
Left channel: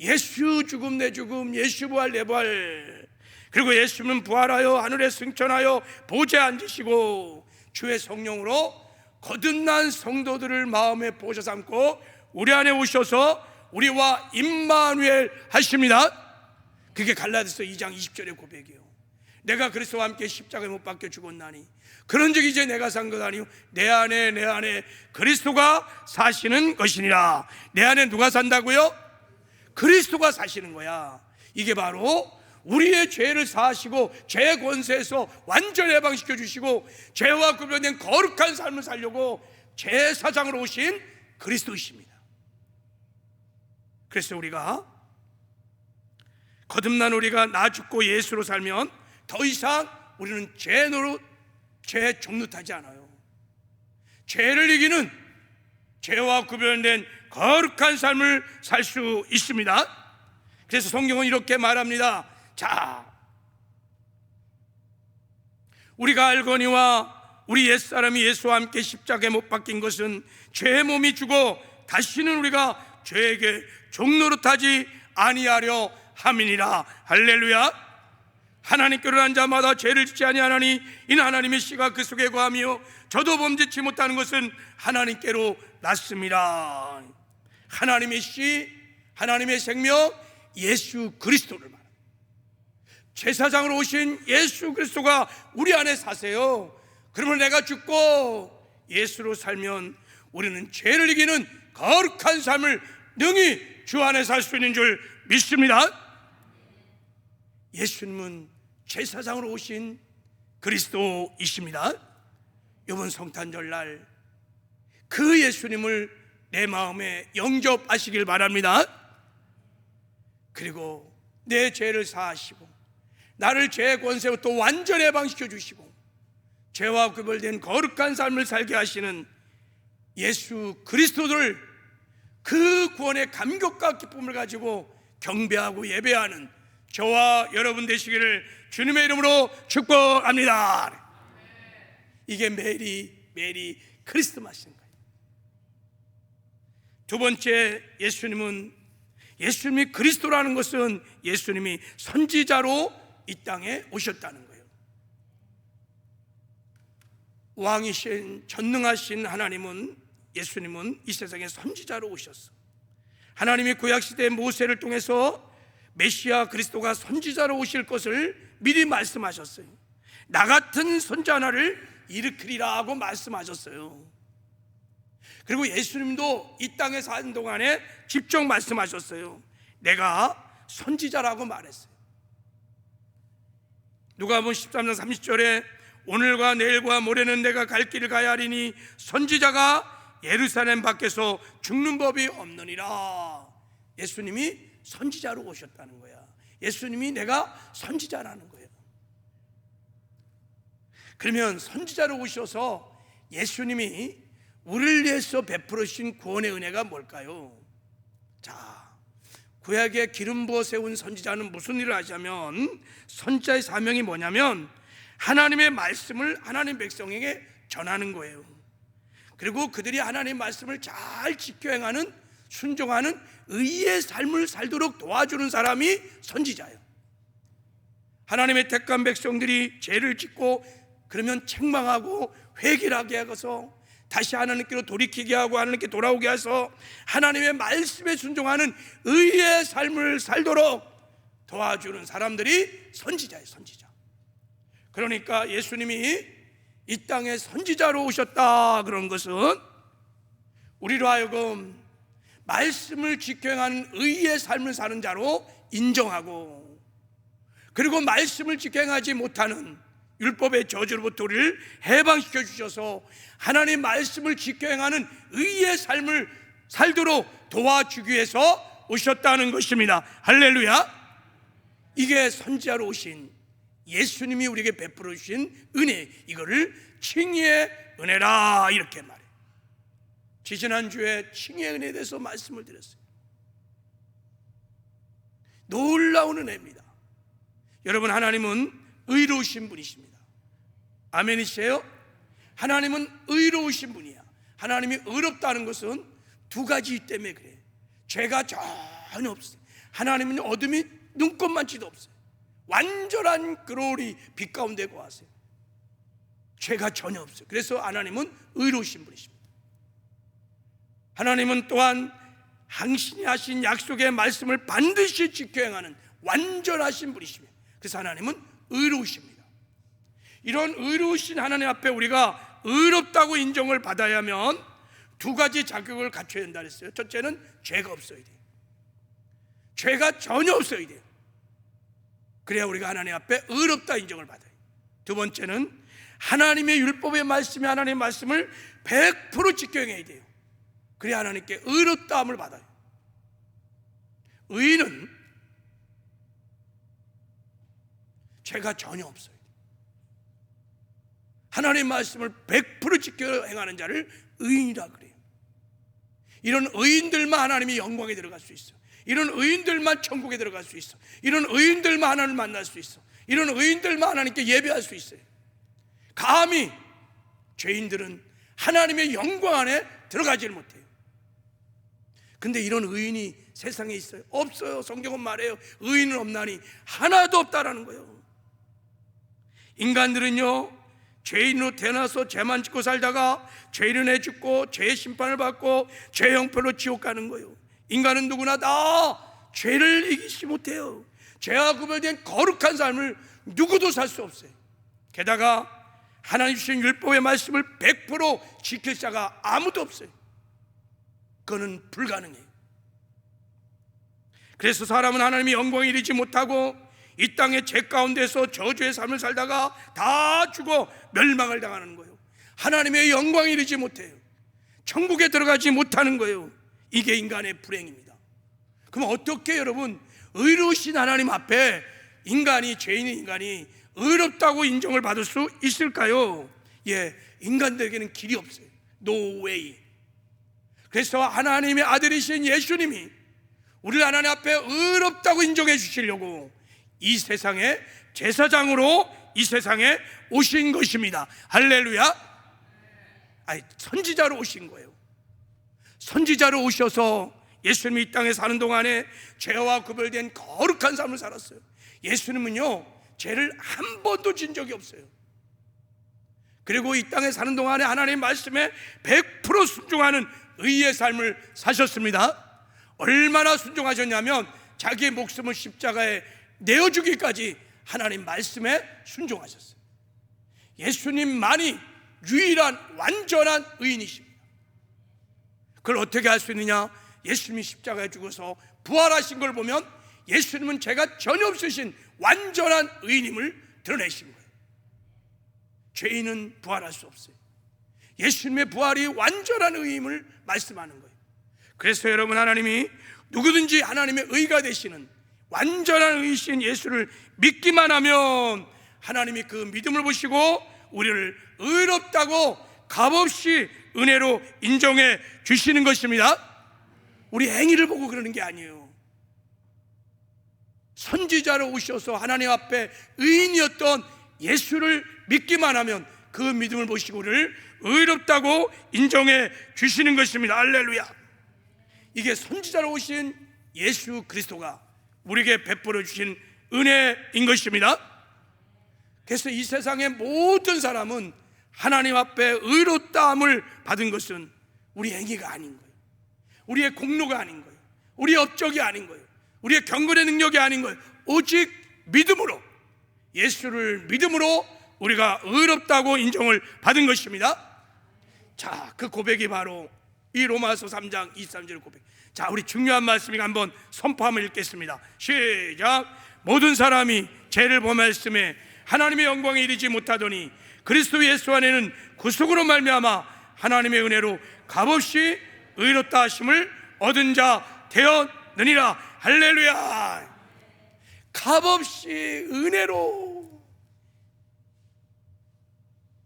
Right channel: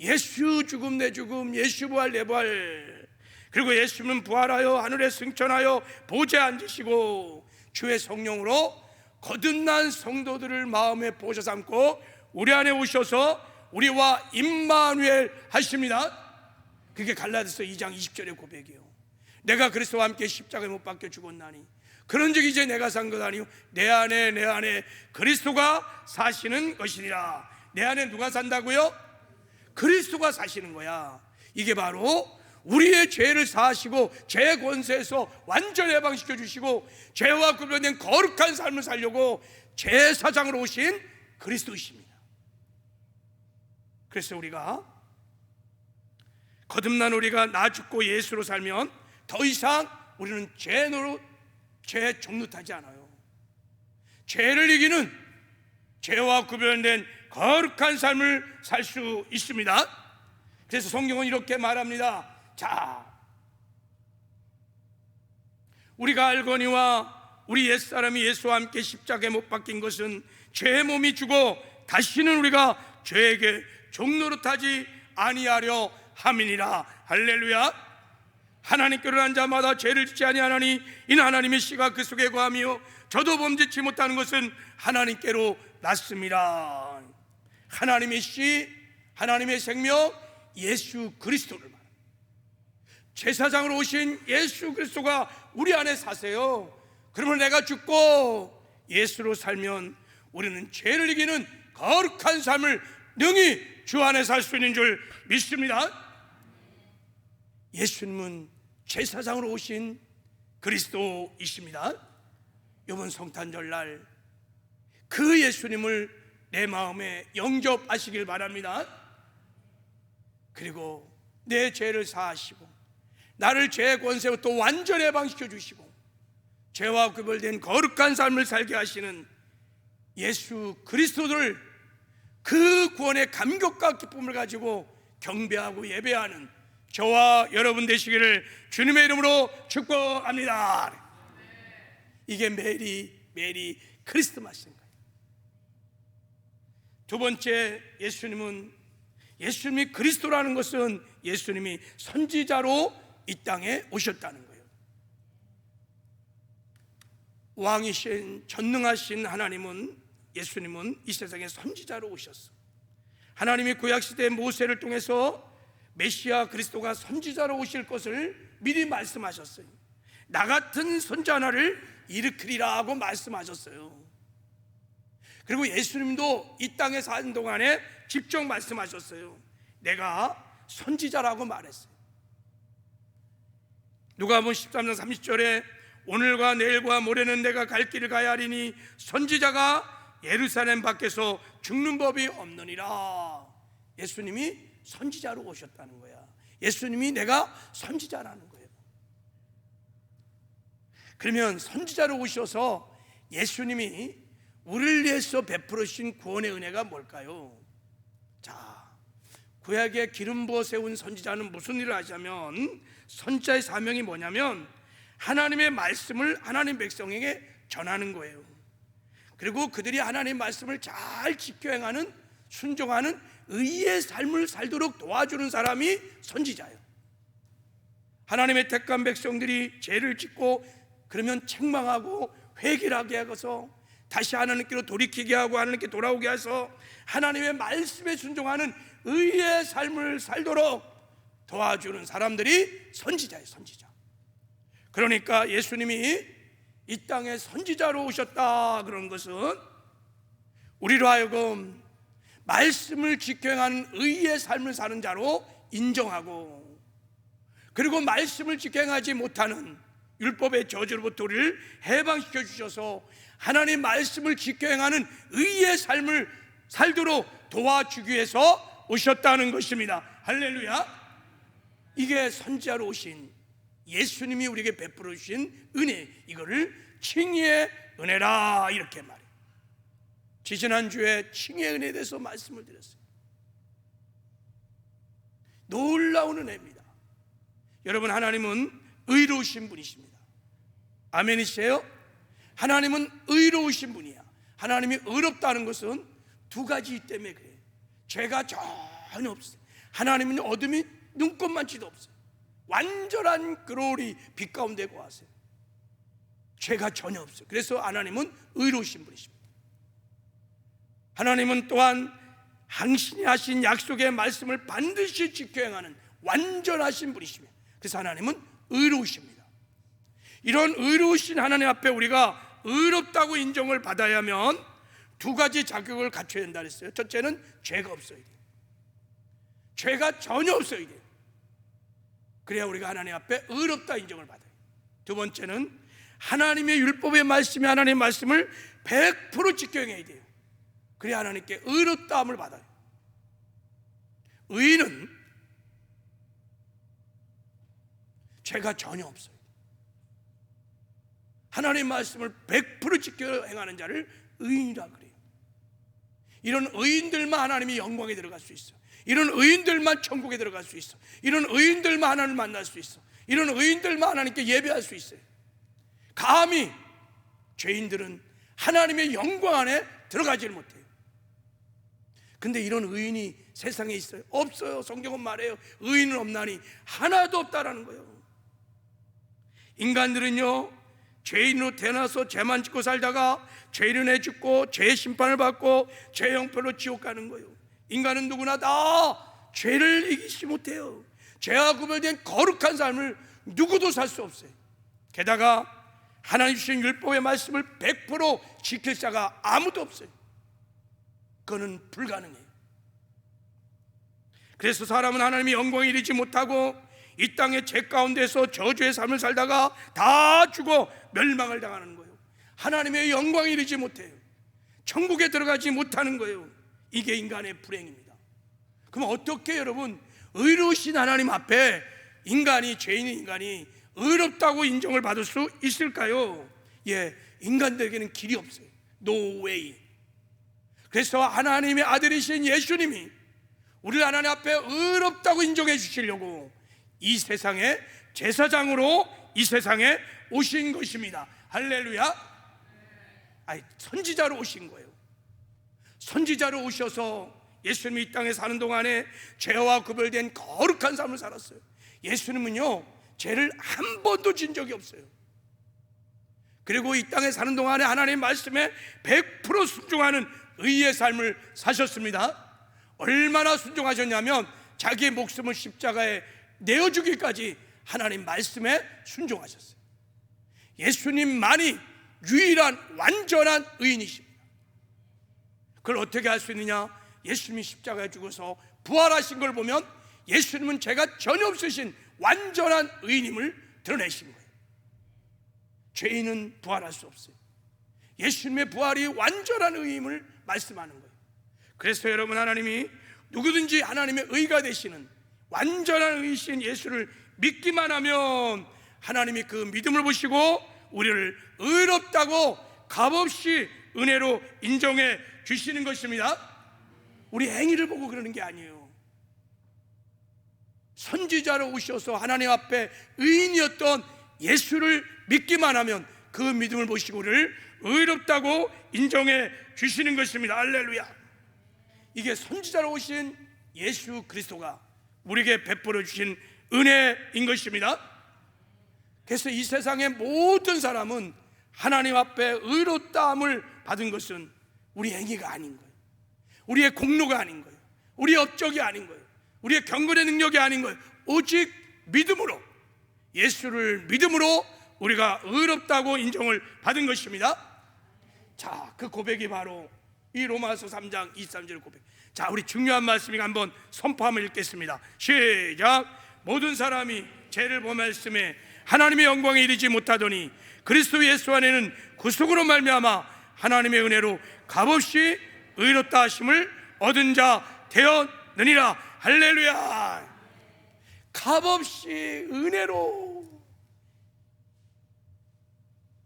예수 죽음 내 죽음, 예수 부활 내 부활. 그리고 예수는 부활하여 하늘에 승천하여 보좌에 앉으시고 주의 성령으로 거듭난 성도들을 마음에 보셔 삼고 우리 안에 오셔서 우리와 임마누엘 하십니다. 그게 갈라디아서 2장 20절의 고백이에요. 내가 그리스도와 함께 십자가에 못 박혀 죽었나니 그런즉 이제 내가 산 것 아니요 내 안에 그리스도가 사시는 것이니라. 내 안에 누가 산다고요? 그리스도가 사시는 거야. 이게 바로 우리의 죄를 사하시고 죄의 권세에서 완전히 해방시켜 주시고 죄와 구별된 거룩한 삶을 살려고 제사장으로 오신 그리스도이십니다. 그래서 우리가 거듭난 우리가 나 죽고 예수로 살면 더 이상 우리는 죄에 종노하지 않아요. 죄를 이기는, 죄와 구별된 거룩한 삶을 살 수 있습니다. 그래서 성경은 이렇게 말합니다. 자, 우리가 알거니와 우리 옛사람이 예수와 함께 십자가에 못 박힌 것은 죄의 몸이 죽어 다시는 우리가 죄에게 종노릇하지 아니하려 함이니라. 할렐루야. 하나님께로 난 자마다 죄를 짓지 아니하나니 이는 하나님의 씨가 그 속에 거하며 저도 범죄치 못하는 것은 하나님께로 났습니다. 하나님의 씨, 하나님의 생명, 예수 그리스도를 말합니다. 제사장으로 오신 예수 그리스도가 우리 안에 사세요. 그러면 내가 죽고 예수로 살면 우리는 죄를 이기는 거룩한 삶을 능히 주 안에 살 수 있는 줄 믿습니다. 예수님은 제사장으로 오신 그리스도이십니다. 이번 성탄절날 그 예수님을 내 마음에 영접하시길 바랍니다. 그리고 내 죄를 사하시고 나를 죄의 권세부터 완전히 해방시켜 주시고 죄와 구별된 거룩한 삶을 살게 하시는 예수 그리스도를 그 구원의 감격과 기쁨을 가지고 경배하고 예배하는 저와 여러분 되시기를 주님의 이름으로 축복합니다. 이게 메리 크리스마스인 거예요. 두 번째, 예수님이 그리스도라는 것은 예수님이 선지자로 이 땅에 오셨다는 거예요. 왕이신 전능하신 예수님은 이 세상에 선지자로 오셨어. 하나님이 구약시대 모세를 통해서 메시아 그리스도가 선지자로 오실 것을 미리 말씀하셨어요. 나 같은 선지자 하나를 일으키리라 하고 말씀하셨어요. 그리고 예수님도 이 땅에 사는 동안에 직접 말씀하셨어요. 내가 선지자라고 말했어요. 누가복음 13장 30절에 오늘과 내일과 모레는 내가 갈 길을 가야 하리니 선지자가 예루살렘 밖에서 죽는 법이 없느니라. 예수님이 선지자로 오셨다는 거야. 예수님이 내가 선지자라는 거예요. 그러면 선지자로 오셔서 예수님이 우리를 위해서 베풀어 주신 구원의 은혜가 뭘까요? 자, 구약에 기름 부어 세운 선지자는 무슨 일을 하자면, 선지자의 사명이 뭐냐면 하나님의 말씀을 하나님 백성에게 전하는 거예요. 그리고 그들이 하나님 말씀을 잘 지켜 행하는, 순종하는 의의 삶을 살도록 도와주는 사람이 선지자예요. 하나님의 택한 백성들이 죄를 짓고 그러면 책망하고 회개를 하게 하고서 다시 하나님께로 돌이키게 하고 하나님께 돌아오게 해서 하나님의 말씀에 순종하는 의의 삶을 살도록 도와주는 사람들이 선지자예요. 선지자. 그러니까 예수님이 이 땅에 선지자로 오셨다 그런 것은 우리로 하여금 말씀을 지켜 행하는 의의 삶을 사는 자로 인정하고, 그리고 말씀을 지켜 행하지 못하는 율법의 저주로부터 우리를 해방시켜 주셔서 하나님 말씀을 지켜 행하는 의의 삶을 살도록 도와주기 위해서 오셨다는 것입니다. 할렐루야. 이게 선지자로 오신 예수님이 우리에게 베풀어 주신 은혜, 이거를 칭의의 은혜라 이렇게 말해요. 지지난주에 칭의의 은혜에 대해서 말씀을 드렸어요. 놀라운 은혜입니다. 여러분, 하나님은 의로우신 분이십니다. 아멘이세요? 하나님은 의로우신 분이야. 하나님이 의롭다는 것은 두 가지 때문에 그래요. 죄가 전혀 없어요. 하나님은 어둠이 눈꼽만치도 없어요. 완전한 그로리 빛 가운데 거하세요. 죄가 전혀 없어요. 그래서 하나님은 의로우신 분이십니다. 하나님은 또한 당신이 하신 약속의 말씀을 반드시 지켜 행하는 완전하신 분이십니다. 그래서 하나님은 의로우십니다. 이런 의로우신 하나님 앞에 우리가 의롭다고 인정을 받아야 하면 두 가지 자격을 갖춰야 된다 그랬어요. 첫째는 죄가 없어야 돼요. 죄가 전혀 없어야 돼요. 그래야 우리가 하나님 앞에 의롭다 인정을 받아요. 두 번째는 하나님의 율법의 말씀이 하나님의 말씀을 100% 지켜 행해야 돼요. 그래야 하나님께 의롭다함을 받아요. 의인은 죄가 전혀 없어요. 하나님의 말씀을 100% 지켜 행하는 자를 의인이라 그래요. 이런 의인들만 하나님의 영광에 들어갈 수 있어. 이런 의인들만 천국에 들어갈 수 있어. 이런 의인들만 하나님을 만날 수 있어. 이런 의인들만 하나님께 예배할 수 있어요. 감히 죄인들은 하나님의 영광 안에 들어가질 못해요. 근데 이런 의인이 세상에 있어요? 없어요. 성경은 말해요. 의인은 없나니 하나도 없다라는 거예요. 인간들은요, 죄인으로 태어나서 죄만 짓고 살다가 죄를 내 죽고 죄의 심판을 받고 죄 형편으로 지옥 가는 거예요. 인간은 누구나 다 죄를 이기지 못해요. 죄와 구별된 거룩한 삶을 누구도 살 수 없어요. 게다가 하나님 주신 율법의 말씀을 100% 지킬 자가 아무도 없어요. 그거는 불가능해요. 그래서 사람은 하나님의 영광에 이르지 못하고 이 땅의 죄 가운데서 저주의 삶을 살다가 다 죽어 멸망을 당하는 거예요. 하나님의 영광에 이르지 못해요. 천국에 들어가지 못하는 거예요. 이게 인간의 불행입니다. 그럼 어떻게 여러분 의로우신 하나님 앞에 인간이, 죄인인 인간이 의롭다고 인정을 받을 수 있을까요? 예, 인간들에게는 길이 없어요. No way. 그래서 하나님의 아들이신 예수님이 우리를 하나님 앞에 의롭다고 인정해 주시려고 이 세상에 제사장으로 이 세상에 오신 것입니다. 할렐루야. 선지자로 오신 거예요. 선지자로 오셔서 예수님이 이 땅에 사는 동안에 죄와 구별된 거룩한 삶을 살았어요. 예수님은요, 죄를 한 번도 진 적이 없어요. 그리고 이 땅에 사는 동안에 하나님 말씀에 100% 순종하는 의의 삶을 사셨습니다. 얼마나 순종하셨냐면 자기의 목숨을 십자가에 내어주기까지 하나님 말씀에 순종하셨어요. 예수님만이 유일한 완전한 의인이십니다. 그걸 어떻게 할 수 있느냐? 예수님이 십자가에 죽어서 부활하신 걸 보면 예수님은 죄가 전혀 없으신 완전한 의인임을 드러내신 거예요. 죄인은 부활할 수 없어요. 예수님의 부활이 완전한 의임을 말씀하는 거예요. 그래서 여러분, 하나님이 누구든지 하나님의 의가 되시는 완전한 의이신 예수를 믿기만 하면 하나님이 그 믿음을 보시고 우리를 의롭다고 값없이 은혜로 인정해 주시는 것입니다. 우리 행위를 보고 그러는 게 아니에요. 선지자로 오셔서 하나님 앞에 의인이었던 예수를 믿기만 하면 그 믿음을 보시고 우리를 의롭다고 인정해 주시는 것입니다. 할렐루야. 이게 선지자로 오신 예수 그리스도가 우리에게 베풀어 주신 은혜인 것입니다. 그래서 이 세상의 모든 사람은 하나님 앞에 의롭다함을 받은 것은 우리 행위가 아닌 거예요. 우리의 공로가 아닌 거예요. 우리의 업적이 아닌 거예요. 우리의 경건의 능력이 아닌 거예요. 오직 믿음으로, 예수를 믿음으로 우리가 의롭다고 인정을 받은 것입니다. 자, 그 고백이 바로 이 로마서 3장 23절 고백. 자, 우리 중요한 말씀이니까 한번 선포함을 읽겠습니다. 시작. 모든 사람이 죄를 범하였음에 하나님의 영광에 이르지 못하더니 그리스도 예수 안에는 구속으로 말미암아 하나님의 은혜로 값없이 의롭다 하심을 얻은 자 되었느니라. 할렐루야. 값없이 은혜로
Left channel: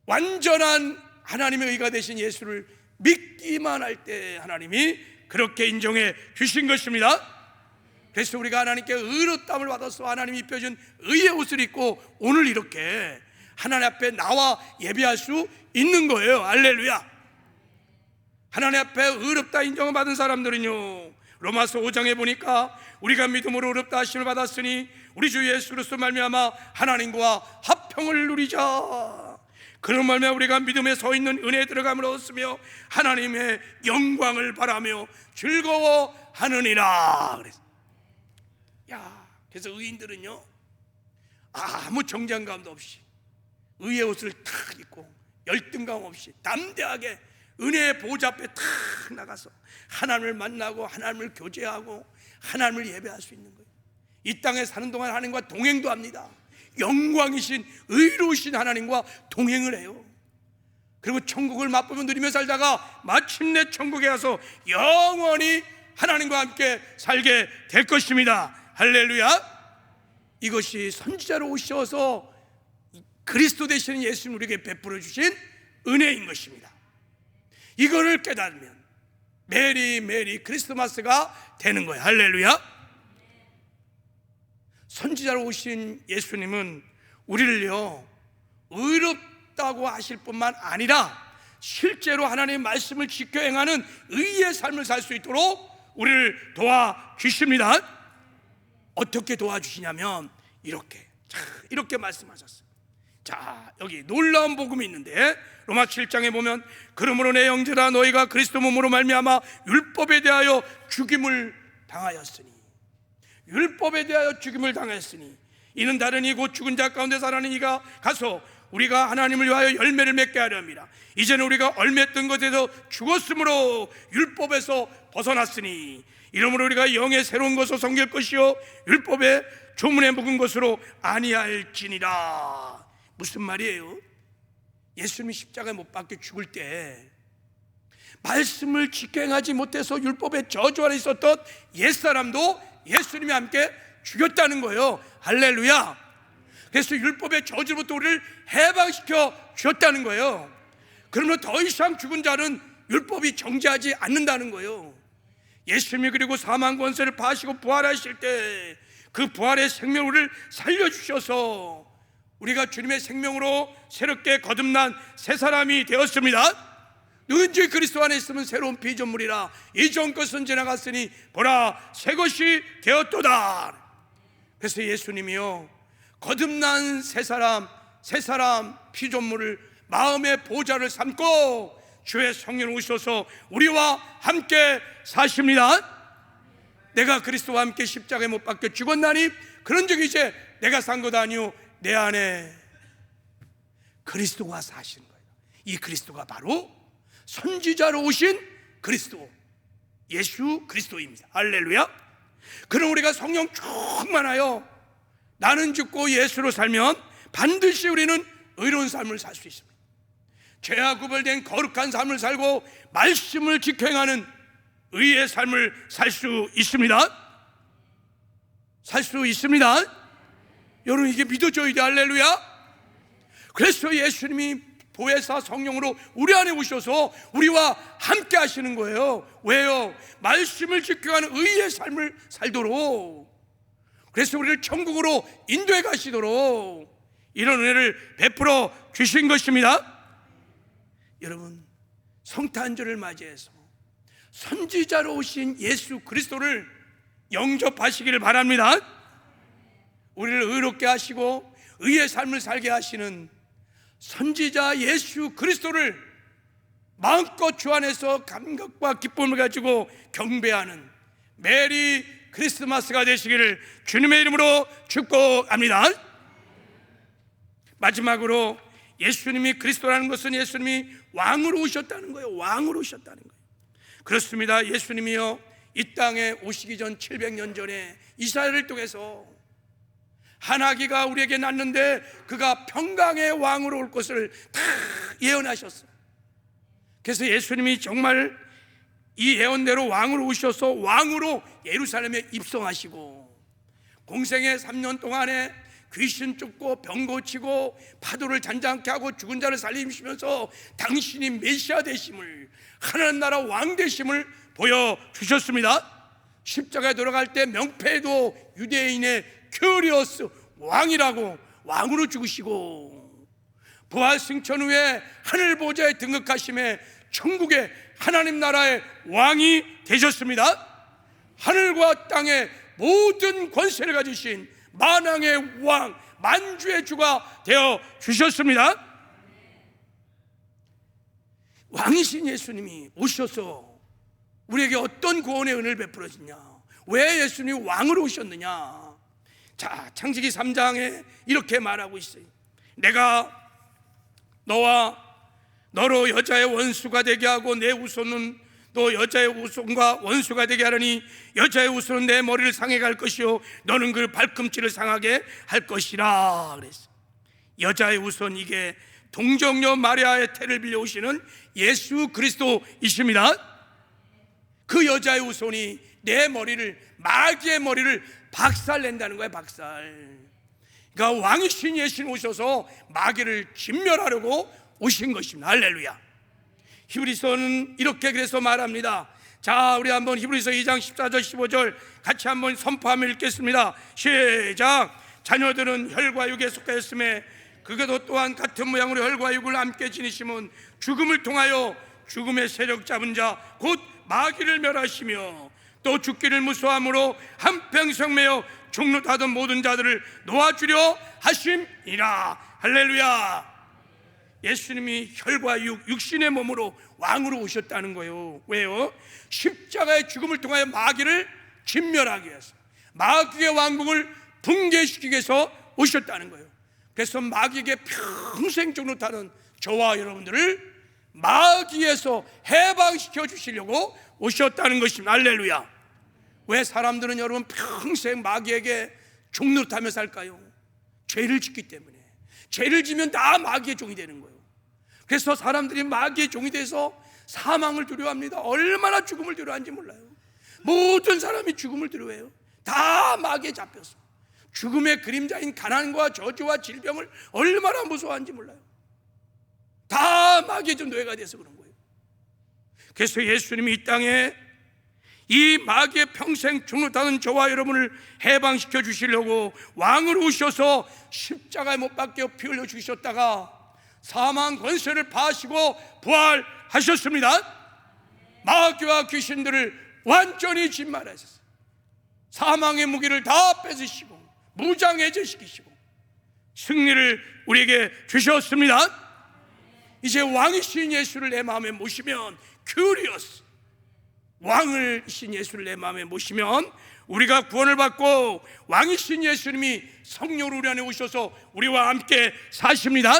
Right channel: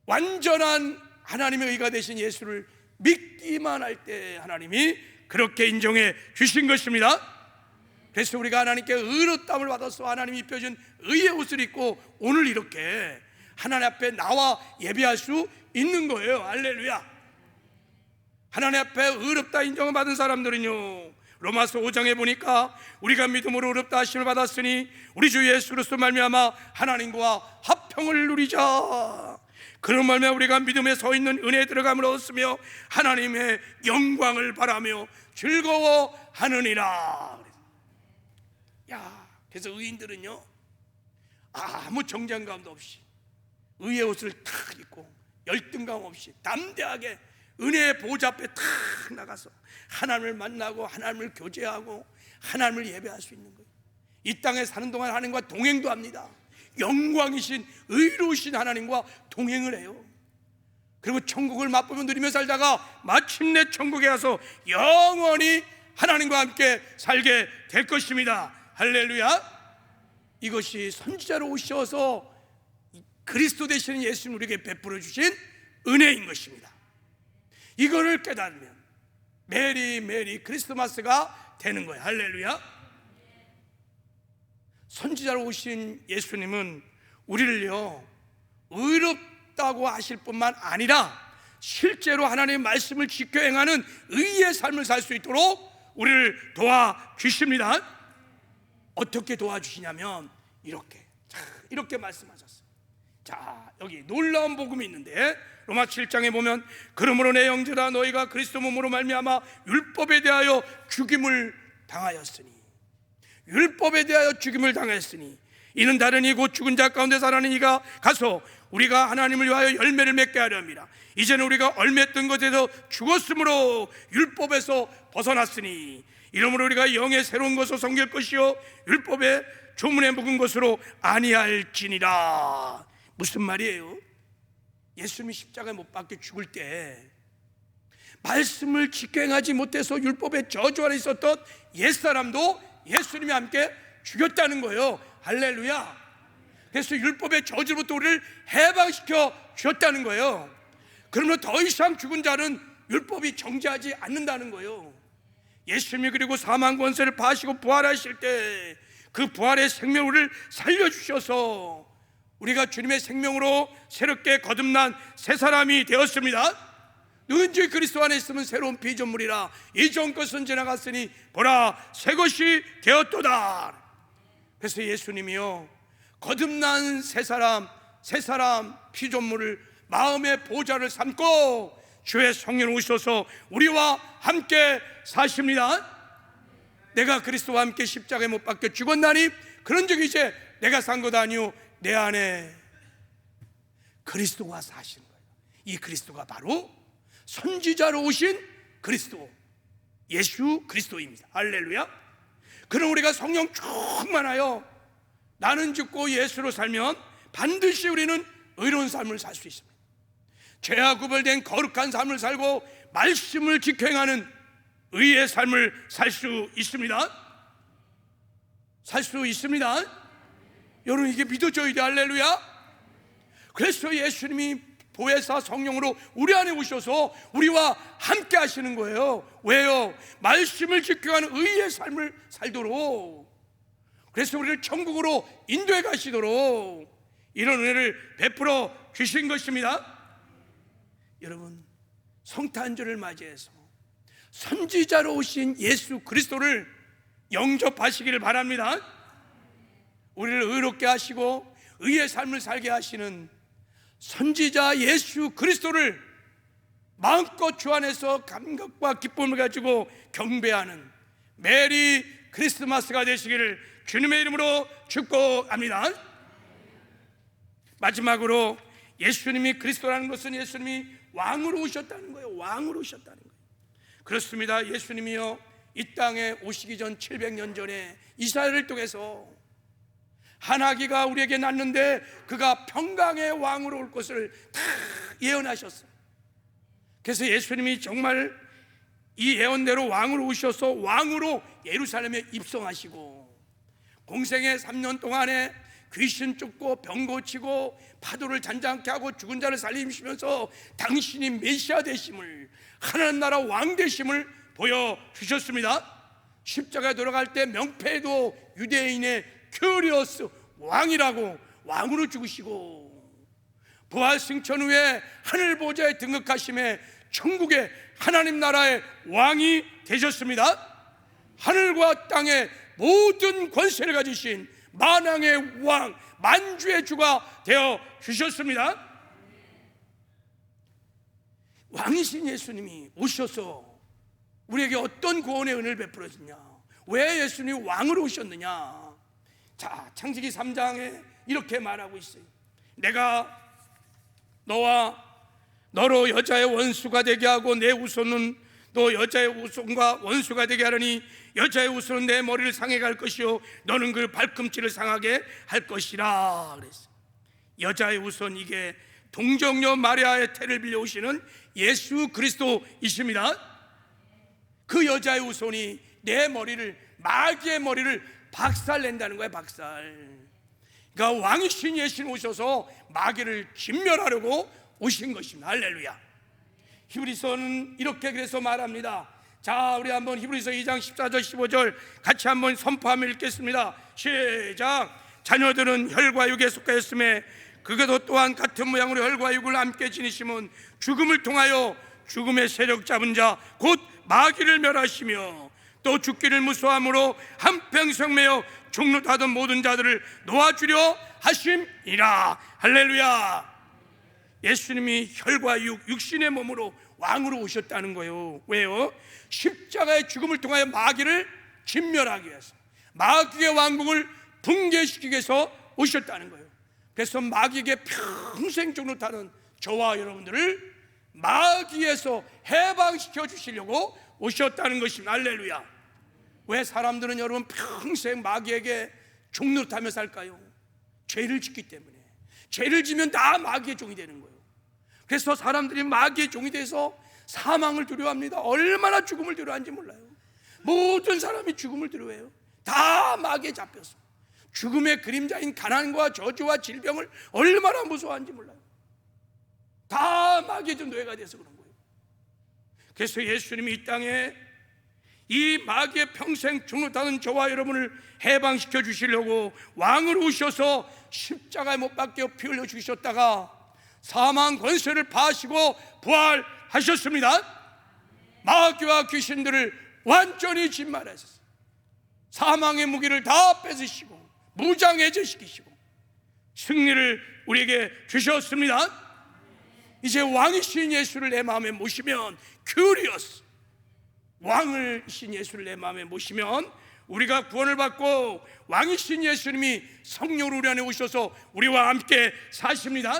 완전한 하나님의 의가 되신 예수를 믿기만 할 때 하나님이 그렇게 인정해 주신 것입니다. 그래서 우리가 하나님께 의롭다함을 받아서 하나님이 입혀준 의의 옷을 입고 오늘 이렇게 하나님 앞에 나와 예배할 수 있는 거예요. 할렐루야. 하나님 앞에 의롭다 인정을 받은 사람들은요, 로마서 5장에 보니까 우리가 믿음으로 의롭다 하심을 받았으니 우리 주 예수 그리스도 말미암아 하나님과 합평을 누리자. 그런 말미암아 우리가 믿음에 서 있는 은혜에 들어감을 얻었으며 하나님의 영광을 바라며 즐거워하느니라. 그래서 의인들은요, 아무 정장감도 없이 의의 옷을 탁 입고 열등감 없이 담대하게 은혜의 보좌 앞에 탁 나가서 하나님을 만나고 하나님을 교제하고 하나님을 예배할 수 있는 거예요. 이 땅에 사는 동안 하나님과 동행도 합니다. 영광이신 의로우신 하나님과 동행을 해요. 그리고 천국을 맛보며 누리며 살다가 마침내 천국에 가서 영원히 하나님과 함께 살게 될 것입니다. 할렐루야. 이것이 선지자로 오셔서 그리스도 되시는 예수님 우리에게 베풀어 주신 은혜인 것입니다. 이거를 깨달으면 메리 크리스마스가 되는 거예요. 할렐루야. 선지자로 오신 예수님은 우리를요 의롭다고 하실 뿐만 아니라 실제로 하나님의 말씀을 지켜 행하는 의의 삶을 살 수 있도록 우리를 도와주십니다. 어떻게 도와주시냐면 이렇게 말씀하셨어요. 자, 여기 놀라운 복음이 있는데 로마 7장에 보면 그러므로 내 형제라 너희가 그리스도 몸으로 말미암아 율법에 대하여 죽임을 당하였으니 이는 다르니 곧 죽은 자 가운데 살아나는 이가 가서 우리가 하나님을 위하여 열매를 맺게 하려 함이라. 이제는 우리가 얽매였던 것에서 죽었으므로 율법에서 벗어났으니 이러므로 우리가 영의 새로운 것을 섬길 것이요 율법의 조문에 묵은 것으로 아니할지니라. 무슨 말이에요? 예수님이 십자가에 못 박혀 죽을 때 말씀을 지켜 행하지 못해서 율법의 저주 아래 있었던 옛사람도 예수님이 함께 죽였다는 거예요. 할렐루야. 그래서 율법의 저주부터 우리를 해방시켜 주셨다는 거예요. 그러면 더 이상 죽은 자는 율법이 정죄하지 않는다는 거예요. 예수님이 그리고 사망 권세를 파시고 부활하실 때 그 부활의 생명을 살려주셔서 우리가 주님의 생명으로 새롭게 거듭난 새 사람이 되었습니다. 누군지 그리스도 안에 있으면 새로운 피조물이라 이전 것은 지나갔으니 보라 새 것이 되었도다. 그래서 예수님이요 거듭난 새 사람 피조물을 마음의 보좌를 삼고 주의 성령 오셔서 우리와 함께 사십니다. 내가 그리스도와 함께 십자가에 못 박혀 죽었나니 그런즉 이제 내가 산 것 아니요 내 안에 그리스도가 사시는 거예요. 이 그리스도가 바로 선지자로 오신 그리스도 예수 그리스도입니다. 할렐루야. 그럼 우리가 성령 충만하여 나는 죽고 예수로 살면 반드시 우리는 의로운 삶을 살 수 있습니다. 죄와 구별된 거룩한 삶을 살고 말씀을 지켜 행하는 의의 삶을 살 수 있습니다. 여러분 이게 믿어져야 돼. 할렐루야. 그래서 예수님이 보혜사 성령으로 우리 안에 오셔서 우리와 함께 하시는 거예요. 왜요? 말씀을 지켜가는 의의 삶을 살도록 그래서 우리를 천국으로 인도해 가시도록 이런 은혜를 베풀어 주신 것입니다. 여러분, 성탄절을 맞이해서 선지자로 오신 예수 그리스도를 영접하시기를 바랍니다. 우리를 의롭게 하시고 의의 삶을 살게 하시는 선지자 예수 그리스도를 마음껏 주 안에서 감격과 기쁨을 가지고 경배하는 메리 크리스마스가 되시기를 주님의 이름으로 축복합니다. 마지막으로 예수님이 그리스도라는 것은 예수님이 왕으로 오셨다는 거예요. 왕으로 오셨다는 거예요. 그렇습니다. 예수님이요, 이 땅에 오시기 전 700년 전에 이사야를 통해서 하나기가 우리에게 났는데 그가 평강의 왕으로 올 것을 다 예언하셨어요. 그래서 예수님이 정말 이 예언대로 왕으로 오셔서 왕으로 예루살렘에 입성하시고 공생의 3년 동안에 귀신 쫓고 병 고치고 파도를 잔잔케 하고 죽은 자를 살리시면서 당신이 메시아 되심을, 하나님 나라 왕 되심을 보여주셨습니다. 십자가에 돌아갈 때 명패도 유대인의 큐리오스 왕이라고 왕으로 죽으시고 부활 승천 후에 하늘 보좌에 등극하심에 천국의 하나님 나라의 왕이 되셨습니다. 하늘과 땅의 모든 권세를 가지신 만왕의 왕, 만주의 주가 되어 주셨습니다. 왕이신 예수님이 오셔서 우리에게 어떤 구원의 은혜를 베풀어 주냐, 왜 예수님이 왕으로 오셨느냐. 자, 창세기 3장에 이렇게 말하고 있어요. 내가 너로 여자의 원수가 되게 하고 내 후손은 너 여자의 후손과 원수가 되게 하려니 여자의 후손은 내 머리를 상하게 할 것이요 너는 그 발꿈치를 상하게 할 것이라 그랬어요. 여자의 후손, 이게 동정녀 마리아의 태를 빌려 오시는 예수 그리스도이십니다. 그 여자의 후손이 내 머리를, 마귀의 머리를 박살낸다는 거예요. 박살. 그러니까 왕이신 예수님 오셔서 마귀를 진멸하려고 오신 것입니다. 할렐루야. 히브리서는 이렇게 그래서 말합니다. 자, 우리 한번 히브리서 2장 14절 15절 같이 한번 선포하며 읽겠습니다. 시작. 자녀들은 혈과 육에 속하였음에 그것도 또한 같은 모양으로 혈과 육을 함께 지니심은 죽음을 통하여 죽음의 세력 잡은 자 곧 마귀를 멸하시며 또 죽기를 무서워함으로 한평생 매여 죽노하던 모든 자들을 놓아주려 하심이라. 할렐루야. 예수님이 혈과 육신의 몸으로 왕으로 오셨다는 거예요. 왜요? 십자가의 죽음을 통하여 마귀를 진멸하기 위해서, 마귀의 왕국을 붕괴시키기 위해서 오셨다는 거예요. 그래서 마귀에게 평생 죽노하는 저와 여러분들을 마귀에서 해방시켜 주시려고 오셨다는 것입니다. 할렐루야. 왜 사람들은 여러분 평생 마귀에게 죽노하며 살까요? 죄를 짓기 때문에. 죄를 지면 다 마귀의 종이 되는 거예요. 그래서 사람들이 마귀의 종이 돼서 사망을 두려워합니다. 얼마나 죽음을 두려워하는지 몰라요. 모든 사람이 죽음을 두려워해요. 다 마귀에 잡혀서 죽음의 그림자인 가난과 저주와 질병을 얼마나 무서워하는지 몰라요. 다 마귀의 노예가 돼서 그런 거예요. 그래서 예수님이 이 땅에 이 마귀의 평생 죽노하는 저와 여러분을 해방시켜 주시려고 왕으로 오셔서 십자가에 못 박혀 피 흘려 죽으셨다가 사망 권세를 파시고 부활하셨습니다. 마귀와 귀신들을 완전히 진멸하셨어요. 사망의 무기를 다 뺏으시고 무장해제시키시고 승리를 우리에게 주셨습니다. 이제 왕이신 예수를 내 마음에 모시면, 큐리오스 왕을신 예수를 내 마음에 모시면 우리가 구원을 받고 왕이신 예수님이 성령으로 우리 안에 오셔서 우리와 함께 사십니다.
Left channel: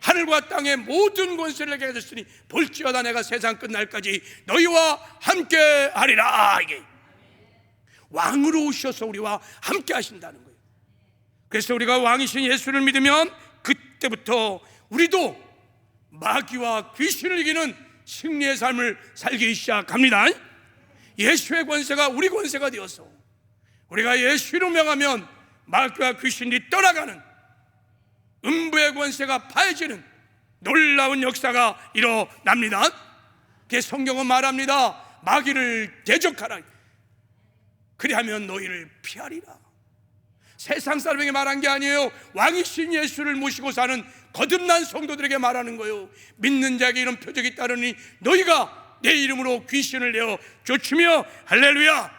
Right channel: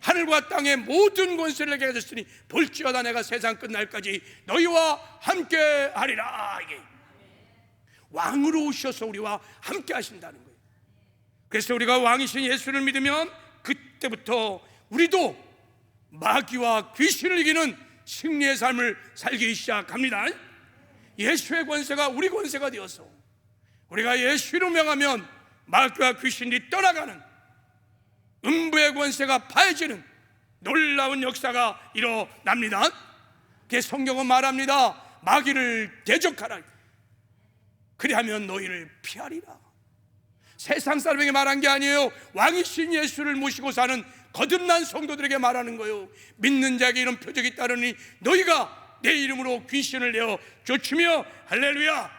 하늘과 땅의 모든 권세를 내게 가졌으니 볼지어다 내가 세상 끝날까지 너희와 함께 하리라. 이게 왕으로 오셔서 우리와 함께 하신다는 거예요. 그래서 우리가 왕이신 예수를 믿으면 그때부터 우리도 마귀와 귀신을 이기는 승리의 삶을 살기 시작합니다. 예수의 권세가 우리 권세가 되어서 우리가 예수로 명하면 마귀와 귀신이 떠나가는, 음부의 권세가 파해지는 놀라운 역사가 일어납니다. 그래서 성경은 말합니다. 마귀를 대적하라. 그리하면 너희를 피하리라. 세상 사람에게 말한 게 아니에요. 왕이신 예수를 모시고 사는 거듭난 성도들에게 말하는 거예요. 믿는 자에게 이런 표적이 따르니 너희가 내 이름으로 귀신을 내어 쫓으며 할렐루야.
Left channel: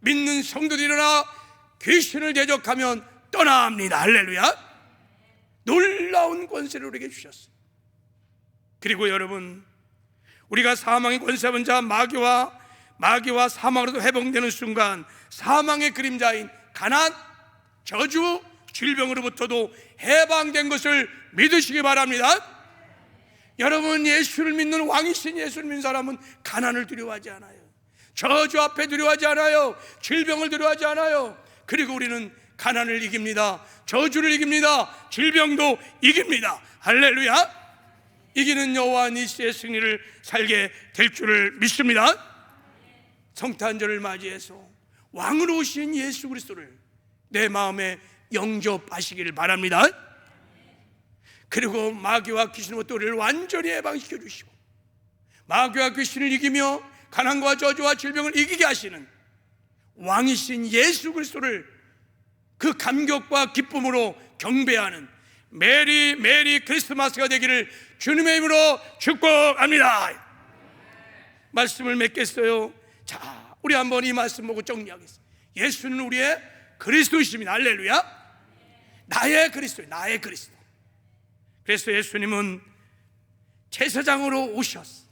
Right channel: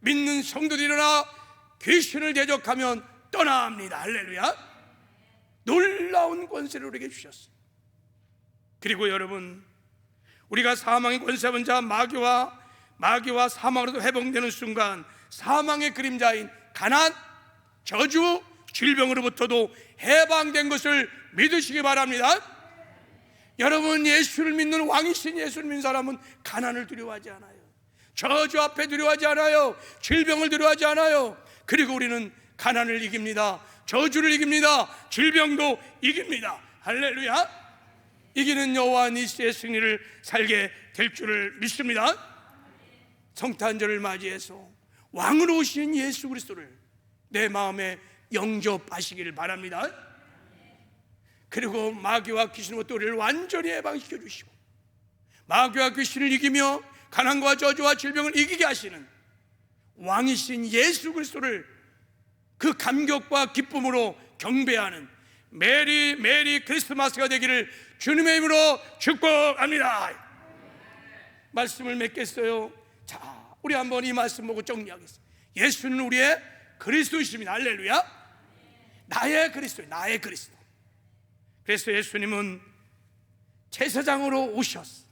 믿는 성도들이 일어나 귀신을 대적하면 떠납니다. 할렐루야. 놀라운 권세를 우리에게 주셨어요. 그리고 여러분, 우리가 사망의 권세 잡은 자 마귀와 사망으로도 회복되는 순간 사망의 그림자인 가난, 저주, 질병으로부터도 해방된 것을 믿으시기 바랍니다. 여러분, 예수를 믿는 왕이신 예수를 믿는 사람은 가난을 두려워하지 않아요. 저주 앞에 두려워하지 않아요. 질병을 두려워하지 않아요. 그리고 우리는 가난을 이깁니다. 저주를 이깁니다. 질병도 이깁니다. 할렐루야. 이기는 여호와 니시의 승리를 살게 될 줄을 믿습니다. 성탄절을 맞이해서 왕으로 오신 예수 그리스도를 내 마음에 영접하시기를 바랍니다. 그리고 마귀와 귀신으로부터 우리를 완전히 해방시켜 주시고 마귀와 귀신을 이기며 가난과 저주와 질병을 이기게 하시는 왕이신 예수 그리스도를 그 감격과 기쁨으로 경배하는 메리 크리스마스가 되기를 주님의 이름으로 축복합니다. 말씀을 맺겠어요. 자, 우리 한번 이 말씀 보고 정리하겠습니다. 예수는 우리의 그리스도이십니다. 할렐루야. 나의 그리스도, 나의 그리스도. 그래서 예수님은 제사장으로 오셨어.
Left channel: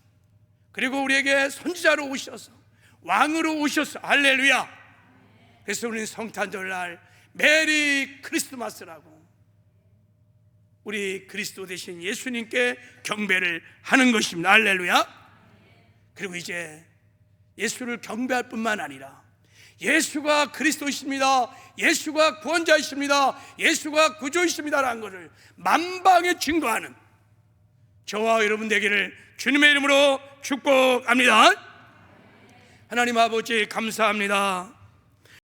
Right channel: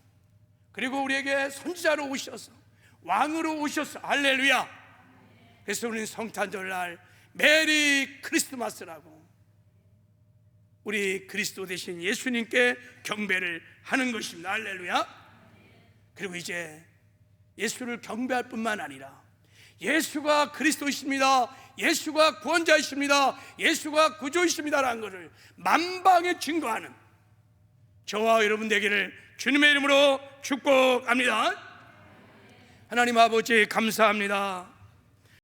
그리고 우리에게 선지자로 오셔서 왕으로 오셨어. 할렐루야. 그래서 우리는 성탄절날 메리 크리스마스라고 우리 그리스도 대신 예수님께 경배를 하는 것입니다. 할렐루야. 그리고 이제 예수를 경배할 뿐만 아니라 예수가 그리스도이십니다, 예수가 구원자이십니다, 예수가 구주이십니다라는 것을 만방에 증거하는 저와 여러분 되기를 주님의 이름으로 축복합니다. 하나님 아버지 감사합니다.